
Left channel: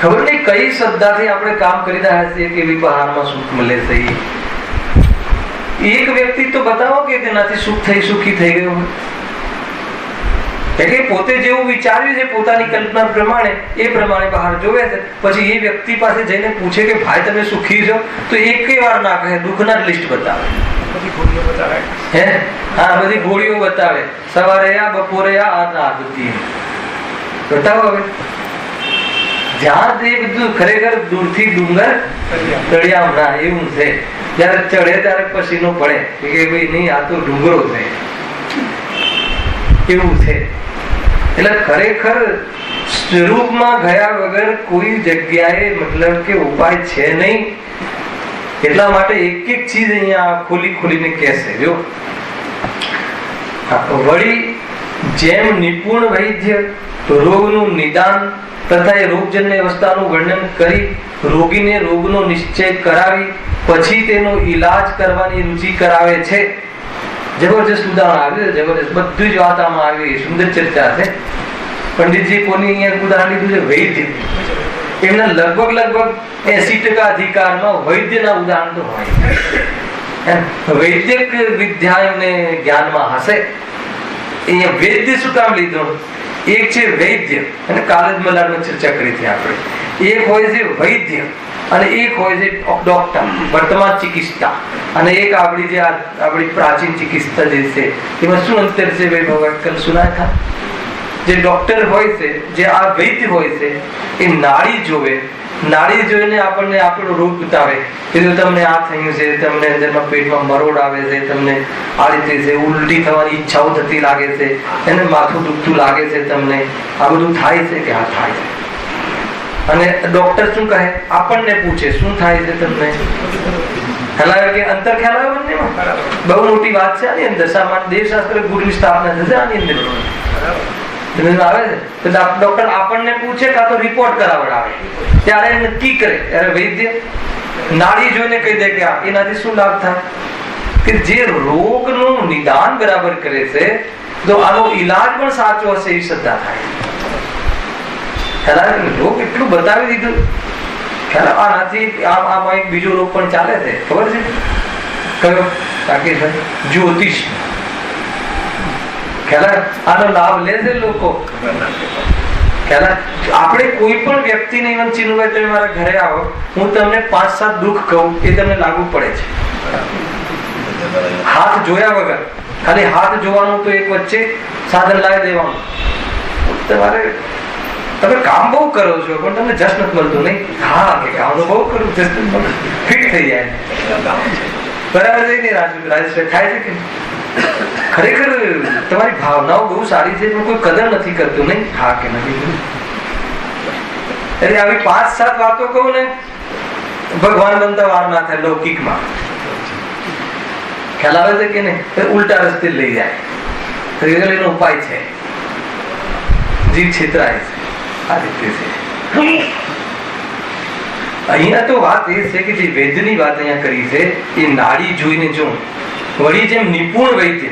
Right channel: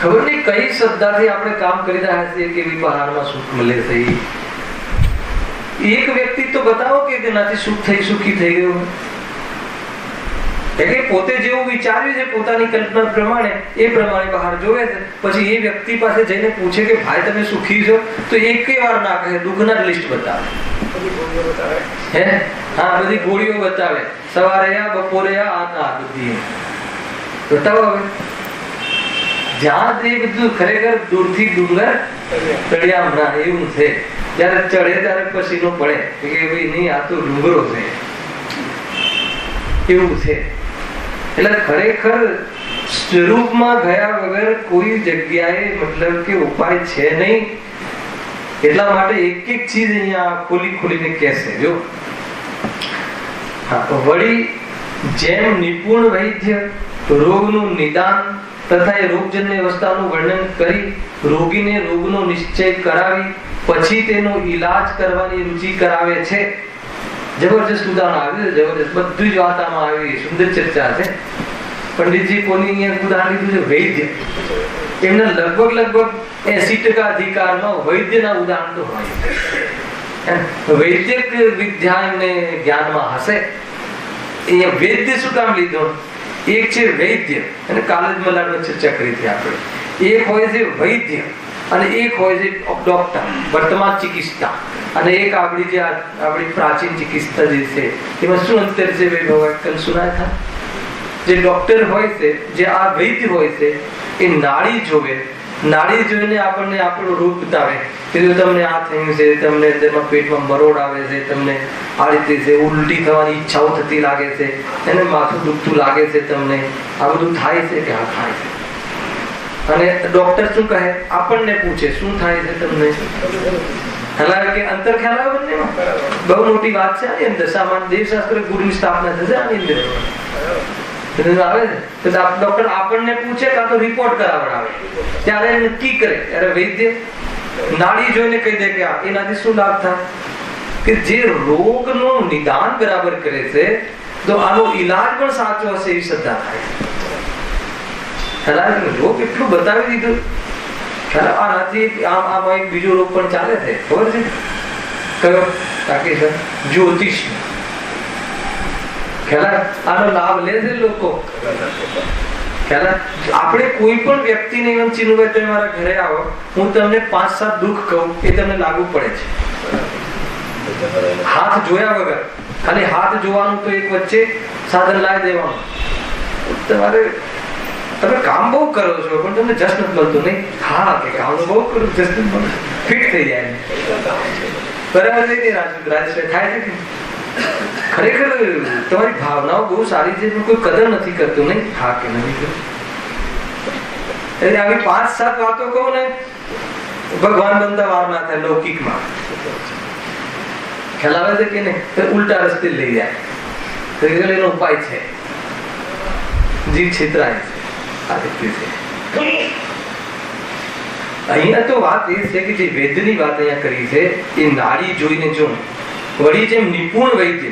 ખબર નહીં કઈ શ્રદ્ધાથી આપણે કામ કરી રહ્યા છીએ કે બહારમાં સુખ મળે છે. એક વ્યક્તિ તો બતાવો કે તેનાથી સુખી થઈ ગયું. એટલે પોતે જેવું વિચાર્યું છે પોતાની કલ્પના પ્રમાણે, એ પ્રમાણે બહાર જોવે છે. પછી એ વ્યક્તિ પાસે જઈને પૂછે કે ભાઈ તમે સુખી છો, તો એક વાર ના કહે, દુઃખના લિસ્ટ બતાવે. હે હા, બધી ગોળીઓ બતાવે. સવારે આ, બપોરે આ બધી બતાવો. હવે જ્યાં એ બધું ખરેખર દૂરથી ડુંગર ચડ્યા હમણાં એવું છે. જયારે ચડે ત્યારે પસીનો પડે કે ભાઈ નહીં, આ તો ડુંગરો છે એવું છે. એટલે ખરેખર સ્વરૂપમાં ગયા વગર કોઈ જગ્યાએ મતલબ કે ઉપાય છે નહીં. એટલા માટે એક એક ચીજ અહીંયા ખોલીને કહેશે. જો વળી જેમ નિપુણ વૈદ્ય રોગનું નિદાન તથા એ રોગજન્ય અવસ્થાનું વર્ણન કરી રોગીને રોગનો નિશ્ચય કરાવી પછી તેનો ઈલાજ કરવાની રુચિ કરાવે છે. જબરજસ્ત ઉદાહરણ આવ્યું, જબરજસ્ત બધું જ વાત આમાં આવી. સુંદર ચર્ચા છે. પંડિતજી પોની અહીંયા ઉદાહરણ લીધું છે વૈદ્ય. એમના લગભગ 80% અધિકારમાં વૈદ્યના ઉદાહરણ તો હોય. વૈદ્યક વિદ્યા એમને જ્ઞાનમાં હશે. અહીંયા વૈદ્ય શું કામ લીધો? એક છે વૈદ્ય, અને કાલે જ મલાડમાં ચર્ચા કરી હતી આપણે. એક હોય છે વૈદ્ય અને એક હોય છે ડોક્ટર, વર્તમાન ચિકિત્સા, અને એક આપણી પ્રાચીન ચિકિત્સા જે છે એમાં શું અંતર છે ભાઈ ભગવાન કલ સુનાય था? જે ડોક્ટર હોય છે, જે આ વૈદ્ય હોય છે, એ નાડી જોવે. નાડી જોઈને આપણને આપણો રોગ બતાવે કે જો તમને આ થયું છે, તમને અંદરમાં પેટમાં મરોડ આવે છે, તમને આ રીતે છે, ઉલટી થવાની ઈચ્છાઓ થતી લાગે છે, એને માથું દુખતું લાગે છે, તમને આ બધું થાય છે કે હા થાય છે. અને ડોક્ટર શું કહે? આપણને પૂછે શું થાય છે તમને. ખ્યાલ આવે કે અંતર ખ્યાલ આવે બંનેમાં? બહુ મોટી વાત છે આની અંદર. સામાન્ય દેવશાસ્ત્ર ગુરુની સ્થાપના થશે આની અંદર આવે છે. તો ડોક્ટર આપણને પૂછે કાં તો રિપોર્ટ કરાવડાવે, ત્યારે નક્કી કરે. અરે વૈદ્ય નાડી જોઈને કહી દે કે એનાથી શું લાભ થાય? કે જે રોગનું નિદાન બરાબર કરે છે, તો આનો ઈલાજ પણ સાચો હશે એવી શ્રદ્ધા થાય. રોગ એટલું બતાવી દીધું. આનાથી આમાં એક બીજો રોગ પણ ચાલે છે, ખબર છે કયો? તાકી સર જ્યોતિષ. આનો લાભ લે છે લોકો. આપણે કોઈ પણ વ્યક્તિને ચીનુભાઈ તમે મારા ઘરે આવો, હું તમને 5-7 દુઃખ કહું, એ તમને લાગુ પડે છે. હાથ જોયા વગર ખાલી હાથ જોવાનું તો એક વચ્ચે સાધન લાવી દેવાનું. તમે કામ બહુ કરો છો પણ તમને જશ નથી મળતું. નહીં, હા કે કામ બહુ કરું, જશ નથી મળતું, ફિટ થઈ જાય. બરાબર છે ને રાજેશભાઈ? થાય છે કે ખરેખર તમારી ભાવનાઓ બહુ સારી છે પણ કોઈ કદર નથી કરતું. નહીં, હા કે નહીં? એટલે આવી 5-7 વાતો કહું ને, ભગવાન બનતા વાર ના થાય લૌકિકમાં. ખ્યાલ આવે છે કે નહીં? ઉલટા રસ્તે લઈ જાય. એનો ઉપાય છે, જીવ છેતરાય છે. આ રીતે છે. અહીંયા તો વાત એ છે કે જે વૈદ્યની વાત અહીંયા કરી છે એ નાડી જોઈને જો વળી જેમ નિપુણ વૈદ્ય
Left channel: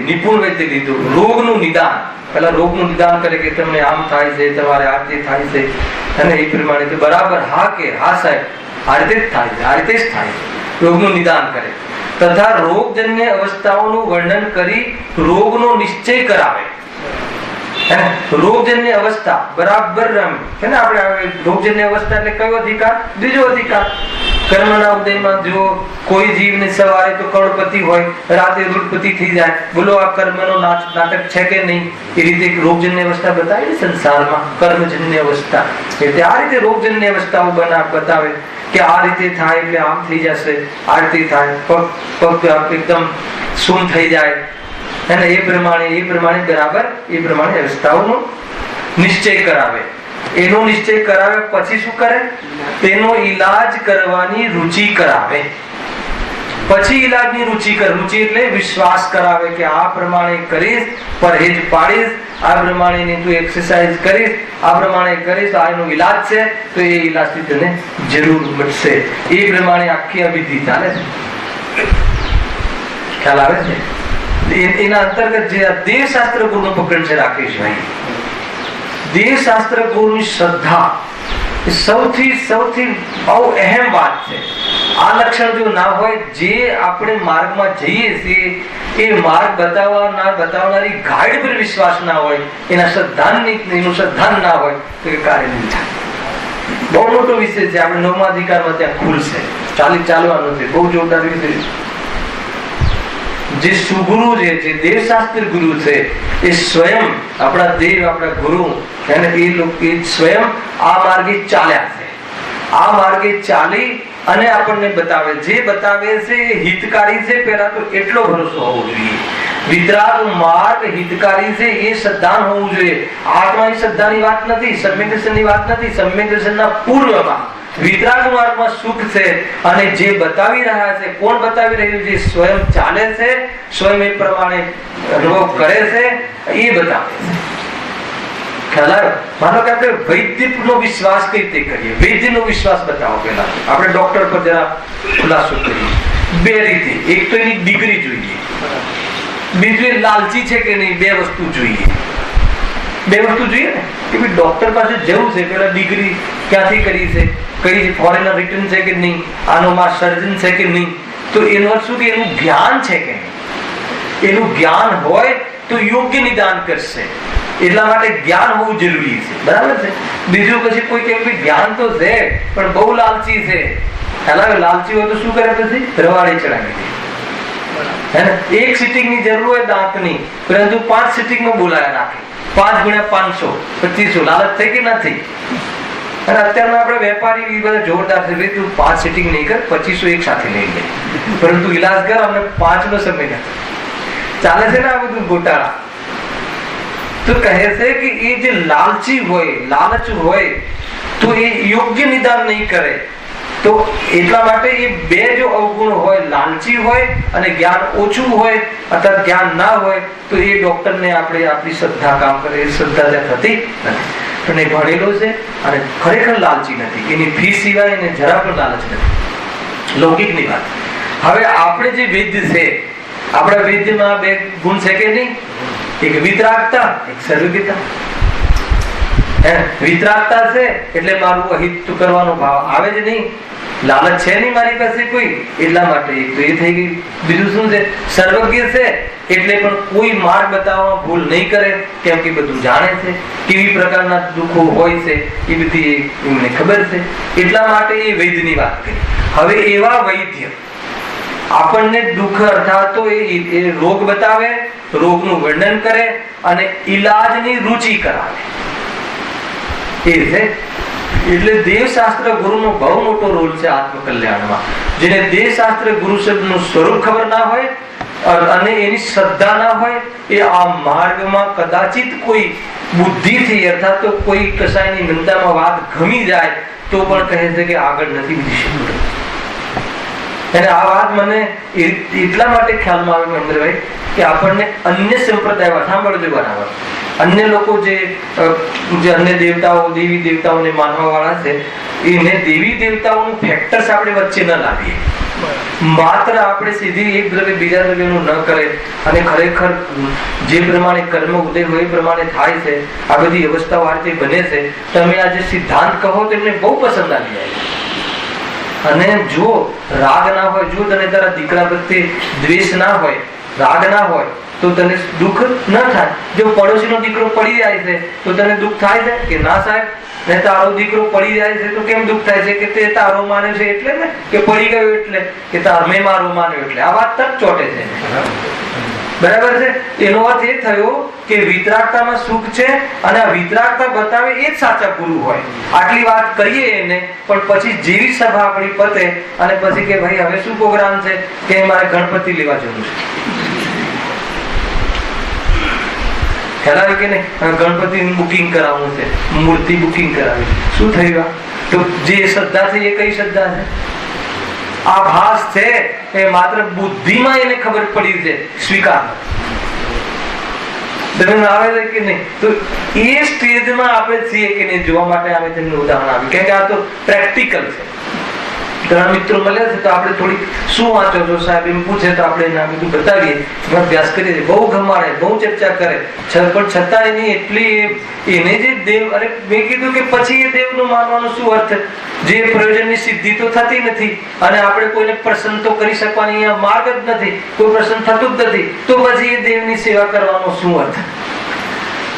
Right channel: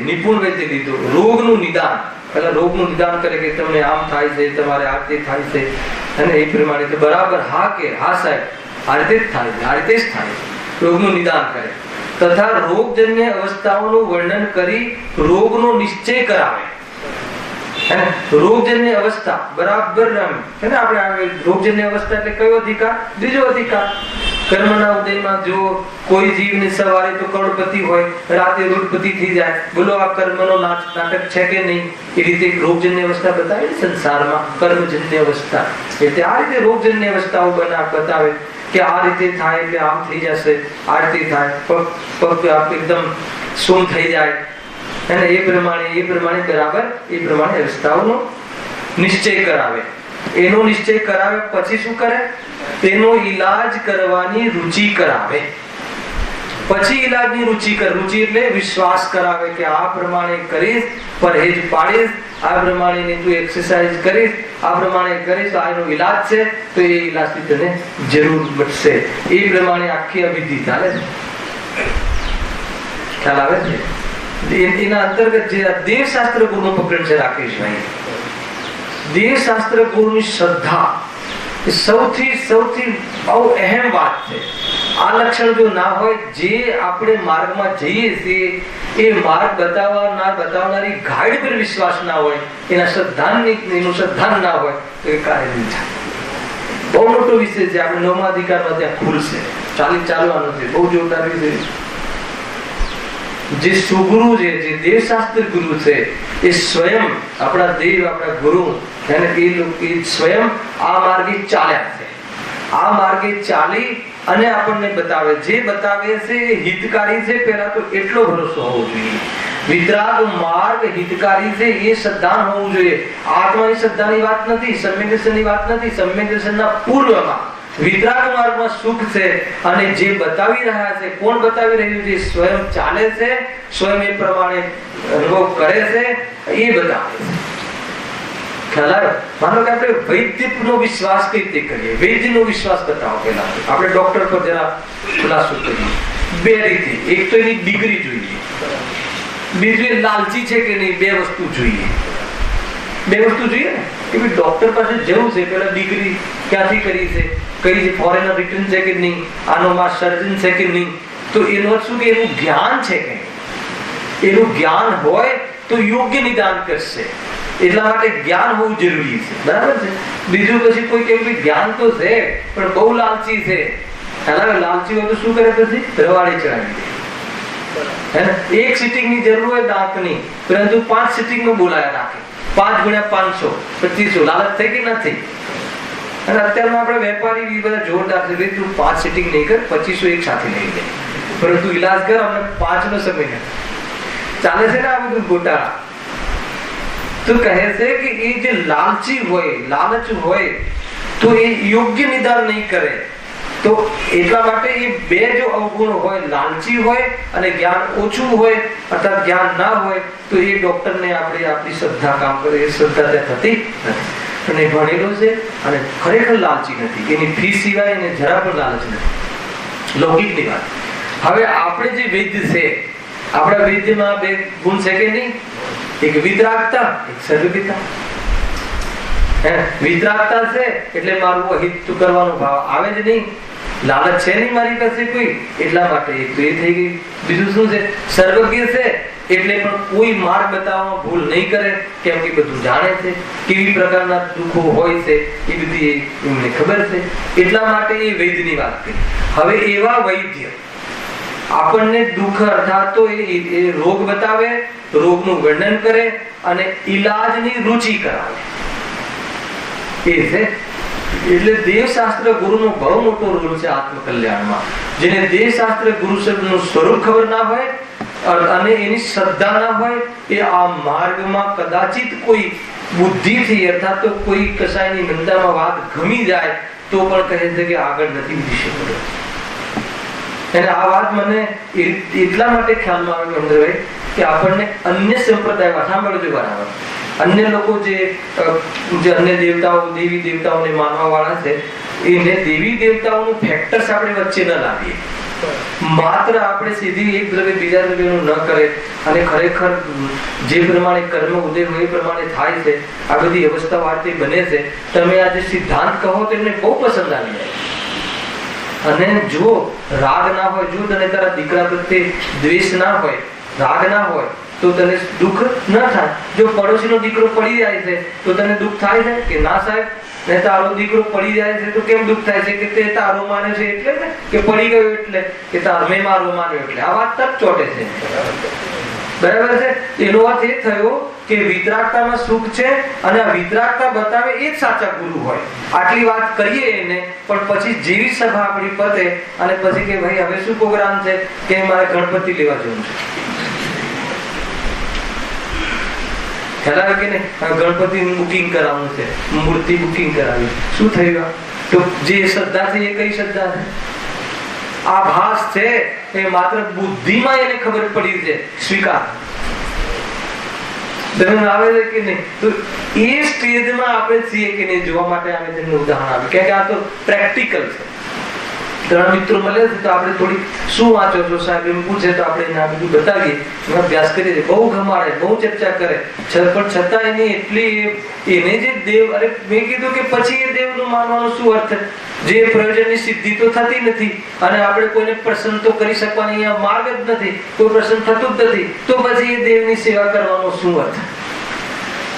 લીધું રોગનું નિદાન, પેલા રોગનું નિદાન કરે કે તમને આમ થાય છે, તમારે આ રીતે થાય છે, અને એ પ્રમાણે બરાબર હા કે હા સાહેબ આ રીતે જ થાય છે, આ રીતે જ થાય છે, રોગનું નિદાન કરે તથા રોગજન્ય અવસ્થાઓનું વર્ણન કરી રોગનો નિશ્ચય કરાવે. રોગજન્ય અવસ્થા બરાબર છે ને. આપણે રોગજન્ય અવસ્થા એટલે કયો અધિકાર? બીજો અધિકાર. કર્મના ઉદયમાં જો કોઈ જીવને સવારે તો કરોડપતિ હોય, રાતે રૂઢપતિ થઈ જાય. બોલો આ કર્મનો નાટક છે કે નહીં? એ રીતે એક રોગજન્ય અવસ્થા બતાવી સંસારમાં, કર્મજન્ય અવસ્થા. એટલે આ રીતે રોગજન્ય અવસ્થાઓ બતાવે કે આ રીતે થાય એટલે આમ થઈ જશે, આ રીતે થાય પગ એકદમ સૂમ થઈ જાય. અને એ પ્રમાણે બરાબર એ પ્રમાણે અવસ્થાઓનો નિશ્ચય કરાવે. એનો નિશ્ચય કરાવે પછી શું કરે? તેનો ઈલાજ કરવાની રુચિ કરાવે. પછી ઈલાજની રુચિ એટલે વિશ્વાસ કરાવે કે આ પ્રમાણે કરીશ, પરહેજ પાડીશ, આ પ્રમાણે તું એક્સરસાઇઝ કરીશ, આ પ્રમાણે કરીશ, આ એનો ઈલાજ છે, તો એ ઈલાજથી તને જરૂર મળશે. એ પ્રમાણે આખી આ વિધિ ચાલે છે. ખ્યાલ આવે છે? એના અંતર્ગત જે દેવશાસ્ત્ર ગુરુનું પકડ છે રાકેશભાઈ, દેવશાસ્ત્ર ગુરુની શ્રદ્ધા એ સૌથી બહુ અહેમ વાત છે. આ લક્ષણ જો ના હોય, જે આપણે માર્ગમાં જઈએ છીએ એ માર્ગ બતાવનારી ગાઈડ પર વિશ્વાસ ના હોય, એનું શ્રદ્ધાન ના હોય તો એ કાર્ય નહીં થાય. બહુ મોટો વિષય છે. આપણે 9મા અધિકારમાં ત્યાં ખુલશે, ચાલવાનું છે. બહુ જોરદાર વિષય. જે સુગુરુ છે, જે દેવશાસ્ત્ર ગુરુ છે, એ સ્વયં આપણા દેવ, આપણા ગુરુ, એ સ્વયં આ માર્ગે ચાલ્યા છે. આ માર્ગે ચાલી અને આપણને બતાવે. જે બતાવે છે એ હિતકારી છે. પેલા તો એટલો ભરોસો હોવો જોઈએ. વિતરાગ માર્ગ હિતકારી છે એ શ્રદ્ધાન હોવું જોઈએ. આત્માની શ્રદ્ધાની વાત નથી, સમ્યક દર્શનની વાત નથી. સમ્યક દર્શનના પૂર્વમાં વિતરાગ માર્ગમાં સુખ છે. અને જે બતાવી રહ્યા છે, કોણ બતાવી રહ્યું છે? સ્વયં ચાલે છે, સ્વયં એ પ્રમાણે અનુભવ કરે છે, એ બતાવે છે. ખ્યાલ આવ્યો? માનો કે આપણે વૈદ્યનો વિશ્વાસ કઈ રીતે કરીએ? વૈદ્યનો વિશ્વાસ બતાવો. પેલા આપણે ડોક્ટર પર જરા ખુલાસો કરીએ. 2 રીતે. એક તો એની ડિગ્રી જોઈએ, બીજું એ લાલચી છે કે નહીં. 2 વસ્તુ જોઈએ. 2 વસ્તુ જોઈએ ને કે ભાઈ ડોક્ટર પાસે જવું છે, પેલા ડિગ્રી ક્યાંથી કરી છે, કઈ છે, ફોરેનર રિટર્ન છે કે નહીં, આનો માં સર્જન છે કે નહીં, તો એનો અર્થ શું કે એનું જ્ઞાન છે કે નહીં. એનું જ્ઞાન હોય તો યોગ્ય નિદાન કરશે. એટલા માટે જ્ઞાન હોવું જરૂરી છે. બરાબર છે? બીજું પછી કોઈ કે જ્ઞાન તો છે પણ બહુ લાલચી છે. લાલચી હોય તો શું કરે? પછી રવાડી ચડાવી દે. હે ને? 1 સિટિંગ ની જરૂર હોય દાંતની, પરંતુ 5 સિટિંગ માં બોલાયા રાખે. 5 ગુણ્યા 500 2500. લાલચ થઈ કે ના થઈ? અને અત્યારના આપણે વેપારી બધા જોરદાર છે. તું 5 સિટિંગ નહીં કર, 2500 એક સાથે લઈ લે, પરંતુ ઈલાજ કર, અમને 5 નો સમય નથી. ચાલે છે ને આ બધું ગોટાળા? તો કહે છે કે એ જે લાલચી હોય, લાલચ હોય, તો એ યોગ્ય નિદાન નહીં કરે. તો એટલા માટે એ 2 જો અવગુણ હોય, લાલચી હોય અને જ્ઞાન ઓછું હોય અથવા જ્ઞાન ના હોય, તો એ ડોક્ટરને આપણી શ્રદ્ધા કામ કરે. એ શ્રદ્ધા ત્યાં થતી નથી. પણ એ ભણેલો છે અને ખરેખર લાલચી નથી. એની ફી સિવાય એને જરા પણ લાલચ નથી. લૌકિકની વાત. હવે આપણે જે વૈદ્ય છે, આપણા વૈદ્યમાં 2 ગુણ છે કે નહીં? એક વિતરાગતા, એક સર્વજ્ઞતા. વિતરાગતા છે એટલે મારું અહિત કરવાનો ભાવ આવે જ નહીં. લાલચ છે નહીં મારી પાસે કોઈ, એટલા માટે એક તો એ થઈ ગઈ. બીજું શું છે? સર્વજ્ઞ છે એટલે પણ કોઈ માર્ગ બતાવવામાં ભૂલ નહીં કરે, કેમ કે બધું જાણે છે. કેવી પ્રકારના દુઃખો હોય છે એ બધી એમને ખબર છે. એટલા માટે એ વૈદ્યની વાત કરી. હવે એવા વૈદ્ય આપણને દુઃખ અર્થાત તો એ રોગ બતાવે, રોગનું વર્ણન કરે અને ઈલાજની રૂચિ કરાવે. એ છે એટલે દેવશાસ્ત્ર ગુરુનો બહુ મોટો રોલ છે આત્મકલ્યાણમાં. જેને દેવશાસ્ત્ર ગુરુ શબ્દનું સ્વરૂપ ખબર ના હોય અને એની શ્રદ્ધા ના હોય, એ આ માર્ગમાં કદાચિત કોઈ બુદ્ધિથી અર્થાત તો કોઈ કસાયની નિંદામાં વાત ગમી જાય તો પણ કહે છે કે આગળ નથી વધી શકતો. અને આ વાત મને એટલા માટે ખ્યાલમાં આવે મહેન્દ્રભાઈ કે આપણને અન્ય સંપ્રદાય સાંભળજો બરાબર, અન્ય લોકો જે અન્ય દેવતાઓ દેવી દેવતાઓને માનવા વાળા છે, એને દેવી દેવતાઓનું ફેક્ટર્સ આપણે વચ્ચે ન લાવીએ. માત્ર આપણે સીધી એક દ્રવ્ય બીજા દ્રવ્યનું ન કરે અને ખરેખર જે પ્રમાણે કર્મ ઉદય હોય એ પ્રમાણે થાય છે. આ બધી અવસ્થાઓ આ રીતે બને છે. તમે આ જે સિદ્ધાંત કહો તો એમને બહુ પસંદ આવી જાય. અને જો રાગ ના હોય, જો તને તારા દીકરા પ્રત્યે દ્વેષ ના હોય, રાગ ના હોય તો તને દુઃખ ન થાય. જો પડોશીનો દીકરો પડી જાય છે તો તને દુઃખ થાય છે કે ના સાહેબ? ને તારો દીકરો પડી જાય છે તો કેમ દુઃખ થાય છે? કે તે તારો માને છે એટલે ને, કે પડી ગયો એટલે, કે મેં મારું માન્યું એટલે. આ વાત તક ચોટે છે. બરાબર છે? એનો અર્થ એ થયો કે વિતરાગતામાં સુખ છે અને આ વિતરાગતા બતાવે એ જ સાચા ગુરુ હોય. આટલી વાત કરીએ એને, પણ પછી જેવી સભા આપણી પતે અને પછી કે ભાઈ હવે શું પ્રોગ્રામ છે, કે મારે ગણપતિ લેવા જવું છે. ખ્યાલ આવે કે નહીં? ગણપતિ બુકિંગ કરાવવું છે, મૂર્તિ બુકિંગ કરાવી. શું થયું? તો જે શ્રદ્ધા છે એ કઈ શ્રદ્ધા છે? આભાસ છે, એ માત્ર બુદ્ધિમાં એને ખબર પડી છે, સ્વીકાર આવે છે કે નહીં? તો એ સ્ટેજમાં આપણે છીએ કે નહીં જોવા માટે અમે તેમને ઉદાહરણ આપ્યું. કેમ કે આ તો પ્રેક્ટિકલ છે. ઘણા મિત્રો મળે છે તો આપણે થોડી શું વાંચો છો સાહેબ એમ પૂછે તો આપણે એને આ બધું બતાવીએ, અભ્યાસ કરીએ છીએ. બહુ ગમાડે, બહુ ચર્ચા કરે, પણ છતાં એની એટલી એને જે દેવ, અરે મેં કીધું કે પછી એ દેવનું માનવાનું શું અર્થ? જે પ્રયોજનની સિદ્ધિ તો થતી નથી અને આપણે કોઈને પ્રસન્ન તો કરી શકવાની માર્ગ જ નથી, કોઈ પ્રસન્ન થતું જ નથી, તો પછી એ દેવની સેવા કરવાનો શું અર્થ?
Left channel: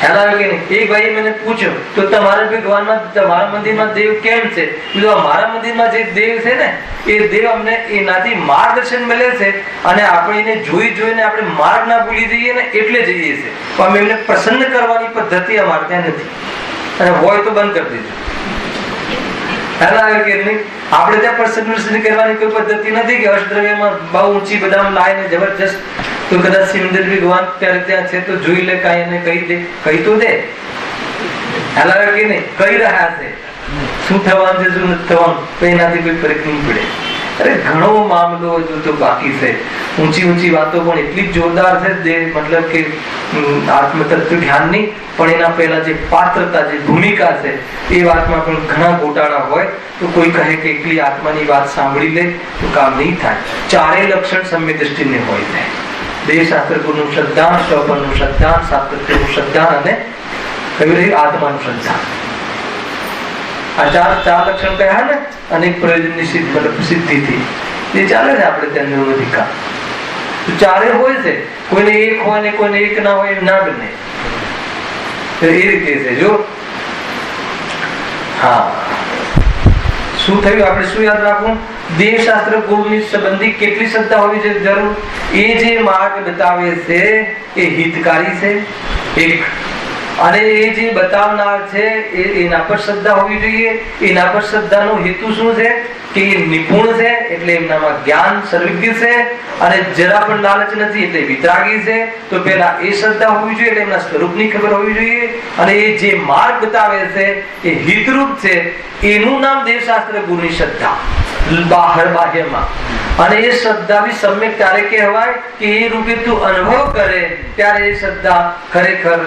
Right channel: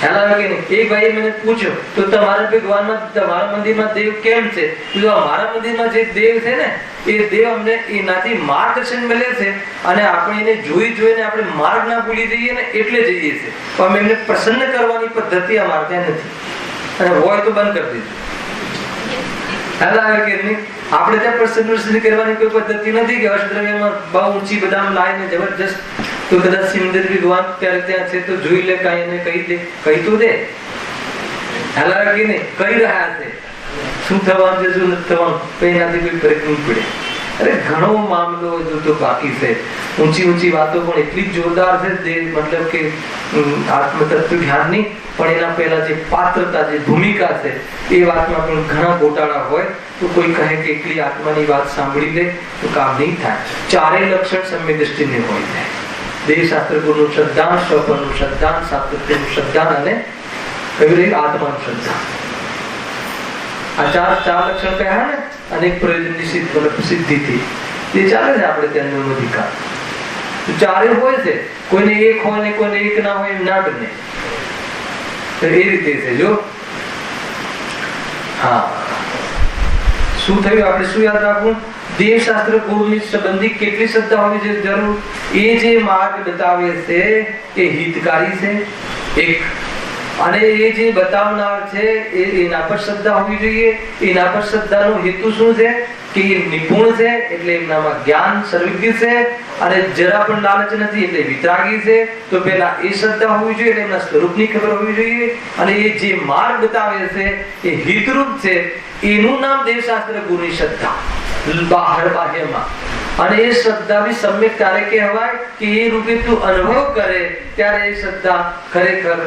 ખ્યાલ આવે કે નહીં? એક ભાઈએ મને પૂછ્યું તો તમારા ભગવાનમાં, તમારા મંદિરમાં દેવ કેમ છે? મારા મંદિરમાં જે દેવ છે ને એ દેવ અમને એનાથી માર્ગદર્શન મળે છે અને આપણે એને જોઈને આપણે માર્ગ ના ભૂલી જઈએ ને એટલે જઈએ છીએ. પણ એમને પ્રસન્ન કરવાની પદ્ધતિ અમારે ત્યાં નથી, અને હોય તો બંધ કરી દેજો. ખ્યાલ આવે કે નહીં? આપણે ત્યાં પ્રસન્ન કરવાની કોઈ પદ્ધતિ નથી કે અષ્ટદ્રવ્યમાં બહુ ઊંચી બદામ લાવીને જબરજસ્ત, તો કદાચ સિમંદર ભગવાન ત્યારે ત્યાં છે તો જોઈ લે, કાંઈ એને કહી દે, કહી તો દે. ખ્યાલ આવે કે નહીં? કહી રહ્યા છે શું થવાનું છે શું નથી થવાનું, તો એનાથી કોઈ ફરક નહીં પડે. અરે ઘણો મામલો હજુ તો બાકી છે. ઊંચી વાતો પણ એટલી જ જોરદાર છે, મતલબ કે આત્મતત્વ જ્ઞાનની, પણ એના પહેલા જે પાત્રતા, જે ભૂમિકા છે એ વાતમાં પણ ઘણા ગોટાળા હોય. તો કોઈ કહે કે એકલી આત્માની વાત સાંભળી લે તો કામ નહીં થાય. ચારેય લક્ષણ સમ્ય દ્રષ્ટિને હોય છે. દેવશાસ્ત્ર ગુરુનું શ્રદ્ધાન, સ્વપનનું શ્રદ્ધાન, સાતત્યનું શ્રદ્ધાન અને કયું રહ્યું આત્માનું શ્રદ્ધાન. આ ચાર લક્ષણ કહ્યા ને અનેક પ્રયોજનની સિદ્ધિથી એ ચાલે છે આપણે ત્યાં નિર્વધિકા. તો ચારે હોય છે, કોઈને એક હોય ને કોઈને એક ના હોય એમ ના બને. તો એ રીતે છે. જો હા શું થયું? આપણે શું યાદ રાખવું? દેવશાસ્ત્ર ગુરુની સંબંધી કેટલી શ્રદ્ધા હોવી છે જરૂર? એ જે માર્ગ બતાવે છે એ હિતકારી છે એક, અને એ જે બતાવનાર છે એના પર શ્રદ્ધા હોવી જોઈએ. એના પર શ્રદ્ધાનો હેતુ શું છે? કે એ નિપુણ છે એટલે એમનામાં જ્ઞાન સર્વજ્ઞ છે, અને જરા પણ લાલચ નથી એટલે વિતરાગી છે. તો પેલા એ શ્રદ્ધા હોવી જોઈએ, એટલે એમના સ્વરૂપની ખબર હોવી જોઈએ. અને એ જે માર્ગ બતાવે છે એ હિતરૂપ છે, એનું નામ દેવશાસ્ત્ર ગુરુની શ્રદ્ધા બહાર બાહ્યમાં. અને એ શ્રદ્ધા બી સમ્યક ત્યારે કહેવાય કે એ રૂપે તું અનુભવ કરે ત્યારે એ શ્રદ્ધા ખરેખર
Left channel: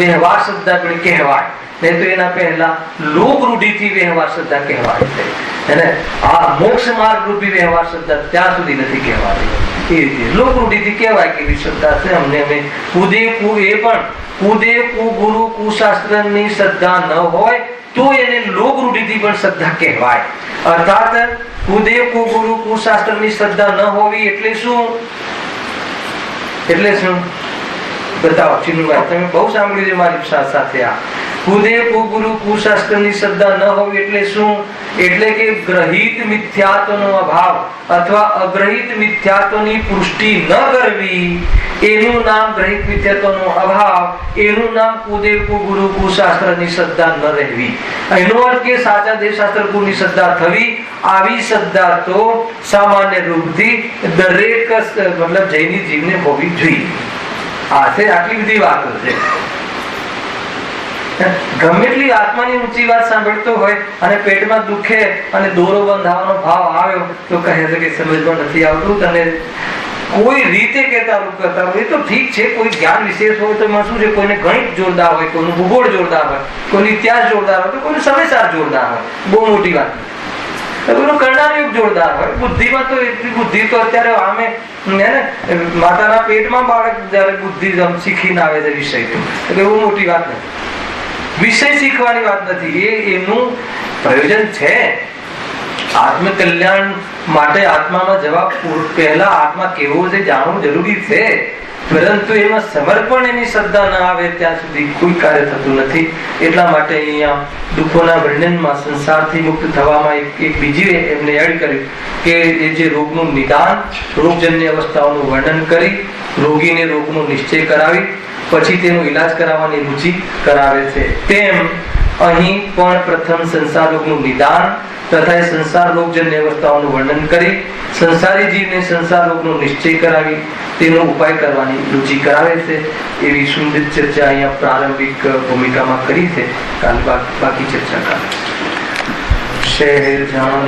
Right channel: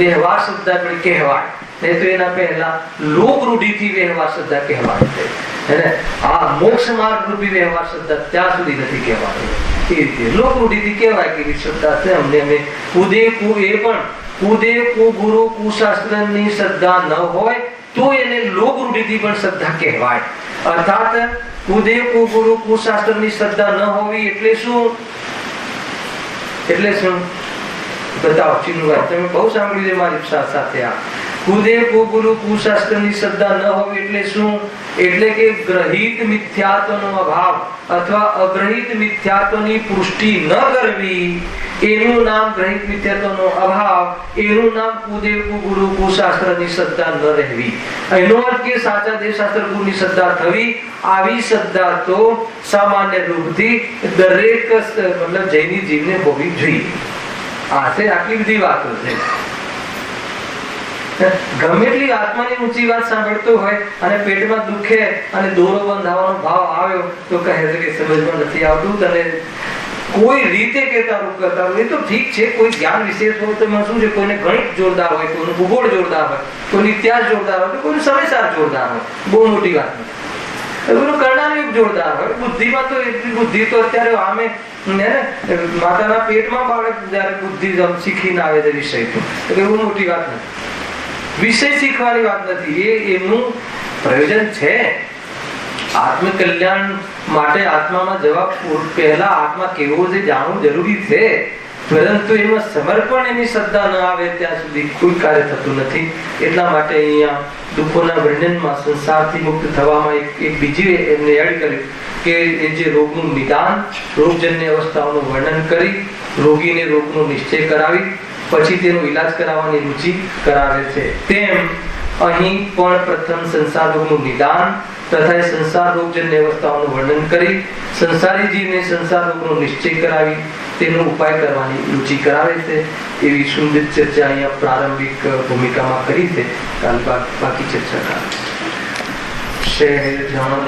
વ્યવહાર શ્રદ્ધા પણ કહેવાય. નહીં તો એના પહેલા લોક રૂઢિથી વ્યવહાર શ્રદ્ધા કહેવાય છે. અને આ મોક્ષ માર્ગ રૂપી વ્યવહાર શ્રદ્ધા ત્યાં સુધી નથી કહેવાતી. એ રીતે લોક રૂઢિથી કહેવાય કે શ્રદ્ધા છે અમને, અમે કુદે કુ, એ પણ કુદે કુ ગુરુ કુશાસ્ત્રની શ્રદ્ધા ન હોય તો એને લોક રૂઢિથી પણ શ્રદ્ધા કહેવાય. અર્થાત કુદે કુ ગુરુ કુશાસ્ત્રની શ્રદ્ધા ન હોવી એટલે શું? એટલે શું બતાવો ચીનુભાઈ, તમે બહુ સાંભળ્યું છે મારી સાથે. આ કુદે કુ ગુરુ કુશાસ્ત્રની શ્રદ્ધા ન હોવી એટલે શું? એટલે કે ગ્રહિત મિથ્યાત્વનો અભાવ અથવા અગ્રહિત મિથ્યાત્વની પુષ્ટિ ન કરવી, એનું નામ ગ્રહિત મિથ્યાત્વનો અભાવ, એનું નામ કુદેવ કુગુરુ કુશાસ્ત્રની શ્રદ્ધા ન રહેવી. એનો અર્થ કે સાચા દેવશાસ્ત્ર ગુરુની શ્રદ્ધા થવી. આવી શ્રદ્ધા તો સામાન્ય રૂપથી દરેક મતલબ જૈની જીવને હોવી જોઈએ. આ છે, આટલી બધી વાતો છે. ગમે એટલી આત્માની ઊંચી વાત સાંભળતો હોય અને પેટમાં દુખે અને દોરો બંધાવાનો ભાવ આવ્યો તો કહે છે કે સમજમાં નથી આવતું, તને કોઈ રીતે કહેતા એ તો ઠીક છે. કોઈ જ્ઞાન વિશેષ હોય તો એમાં શું છે, કોઈને ગણિત જોરદાર હોય, કોઈનું ભૂગોળ જોરદાર હોય, કોઈનો ઇતિહાસ જોરદાર હોય, તો કોઈનું સમયસાર જોરદાર હોય, બહુ મોટી વાત. કોઈનો કરનાર યુગ જોરદાર હોય. બુદ્ધિમાં તો એટલી બુદ્ધિ તો અત્યારે આમે માતાના પેટમાં બાળક જયારે બુદ્ધિ શીખીને આવે છે વિષય, તો બહુ મોટી વાત નથી. વિષય શીખવાની વાત નથી, એનું પ્રયોજન છે આત્મકલ્યાણ માટે. આત્મામાં જવા પહેલા આત્મા કેવો છે જાણવું જરૂરી છે, પરંતુ એમાં સમર્પણ, એની શ્રદ્ધા ના આવે ત્યાં સુધી કોઈ કાર્ય થતું નથી. એટલા માટે અહીંયા દુઃખોના વર્ણનમાં સંસારથી મુક્ત થવામાં એક બીજી એમને એડ કર્યું કે એ જે રોગનું નિદાન, રોગજન્ય અવસ્થાઓનું વર્ણન કરી, રોગીને રોગનો નિશ્ચય કરાવી પછી તેનો ઈલાજ કરાવવાની રુચિ કરાવે છે, તેમ અહીં પણ પ્રથમ સંસાર રોગનું નિદાન તથા સંસાર રોગજન્ય અવસ્થાઓનું વર્ણન કરી સંસારી જીવને સંસાર રોગનો નિશ્ચય કરાવી તેનો ઉપાય કરવાની રુચિ કરાવે છે. એવી સુંદર ચર્ચા અહીંયા પ્રારંભિક ભૂમિકામાં કરી છે. કાલ બાકી ચર્ચા કરે. શહેર જાન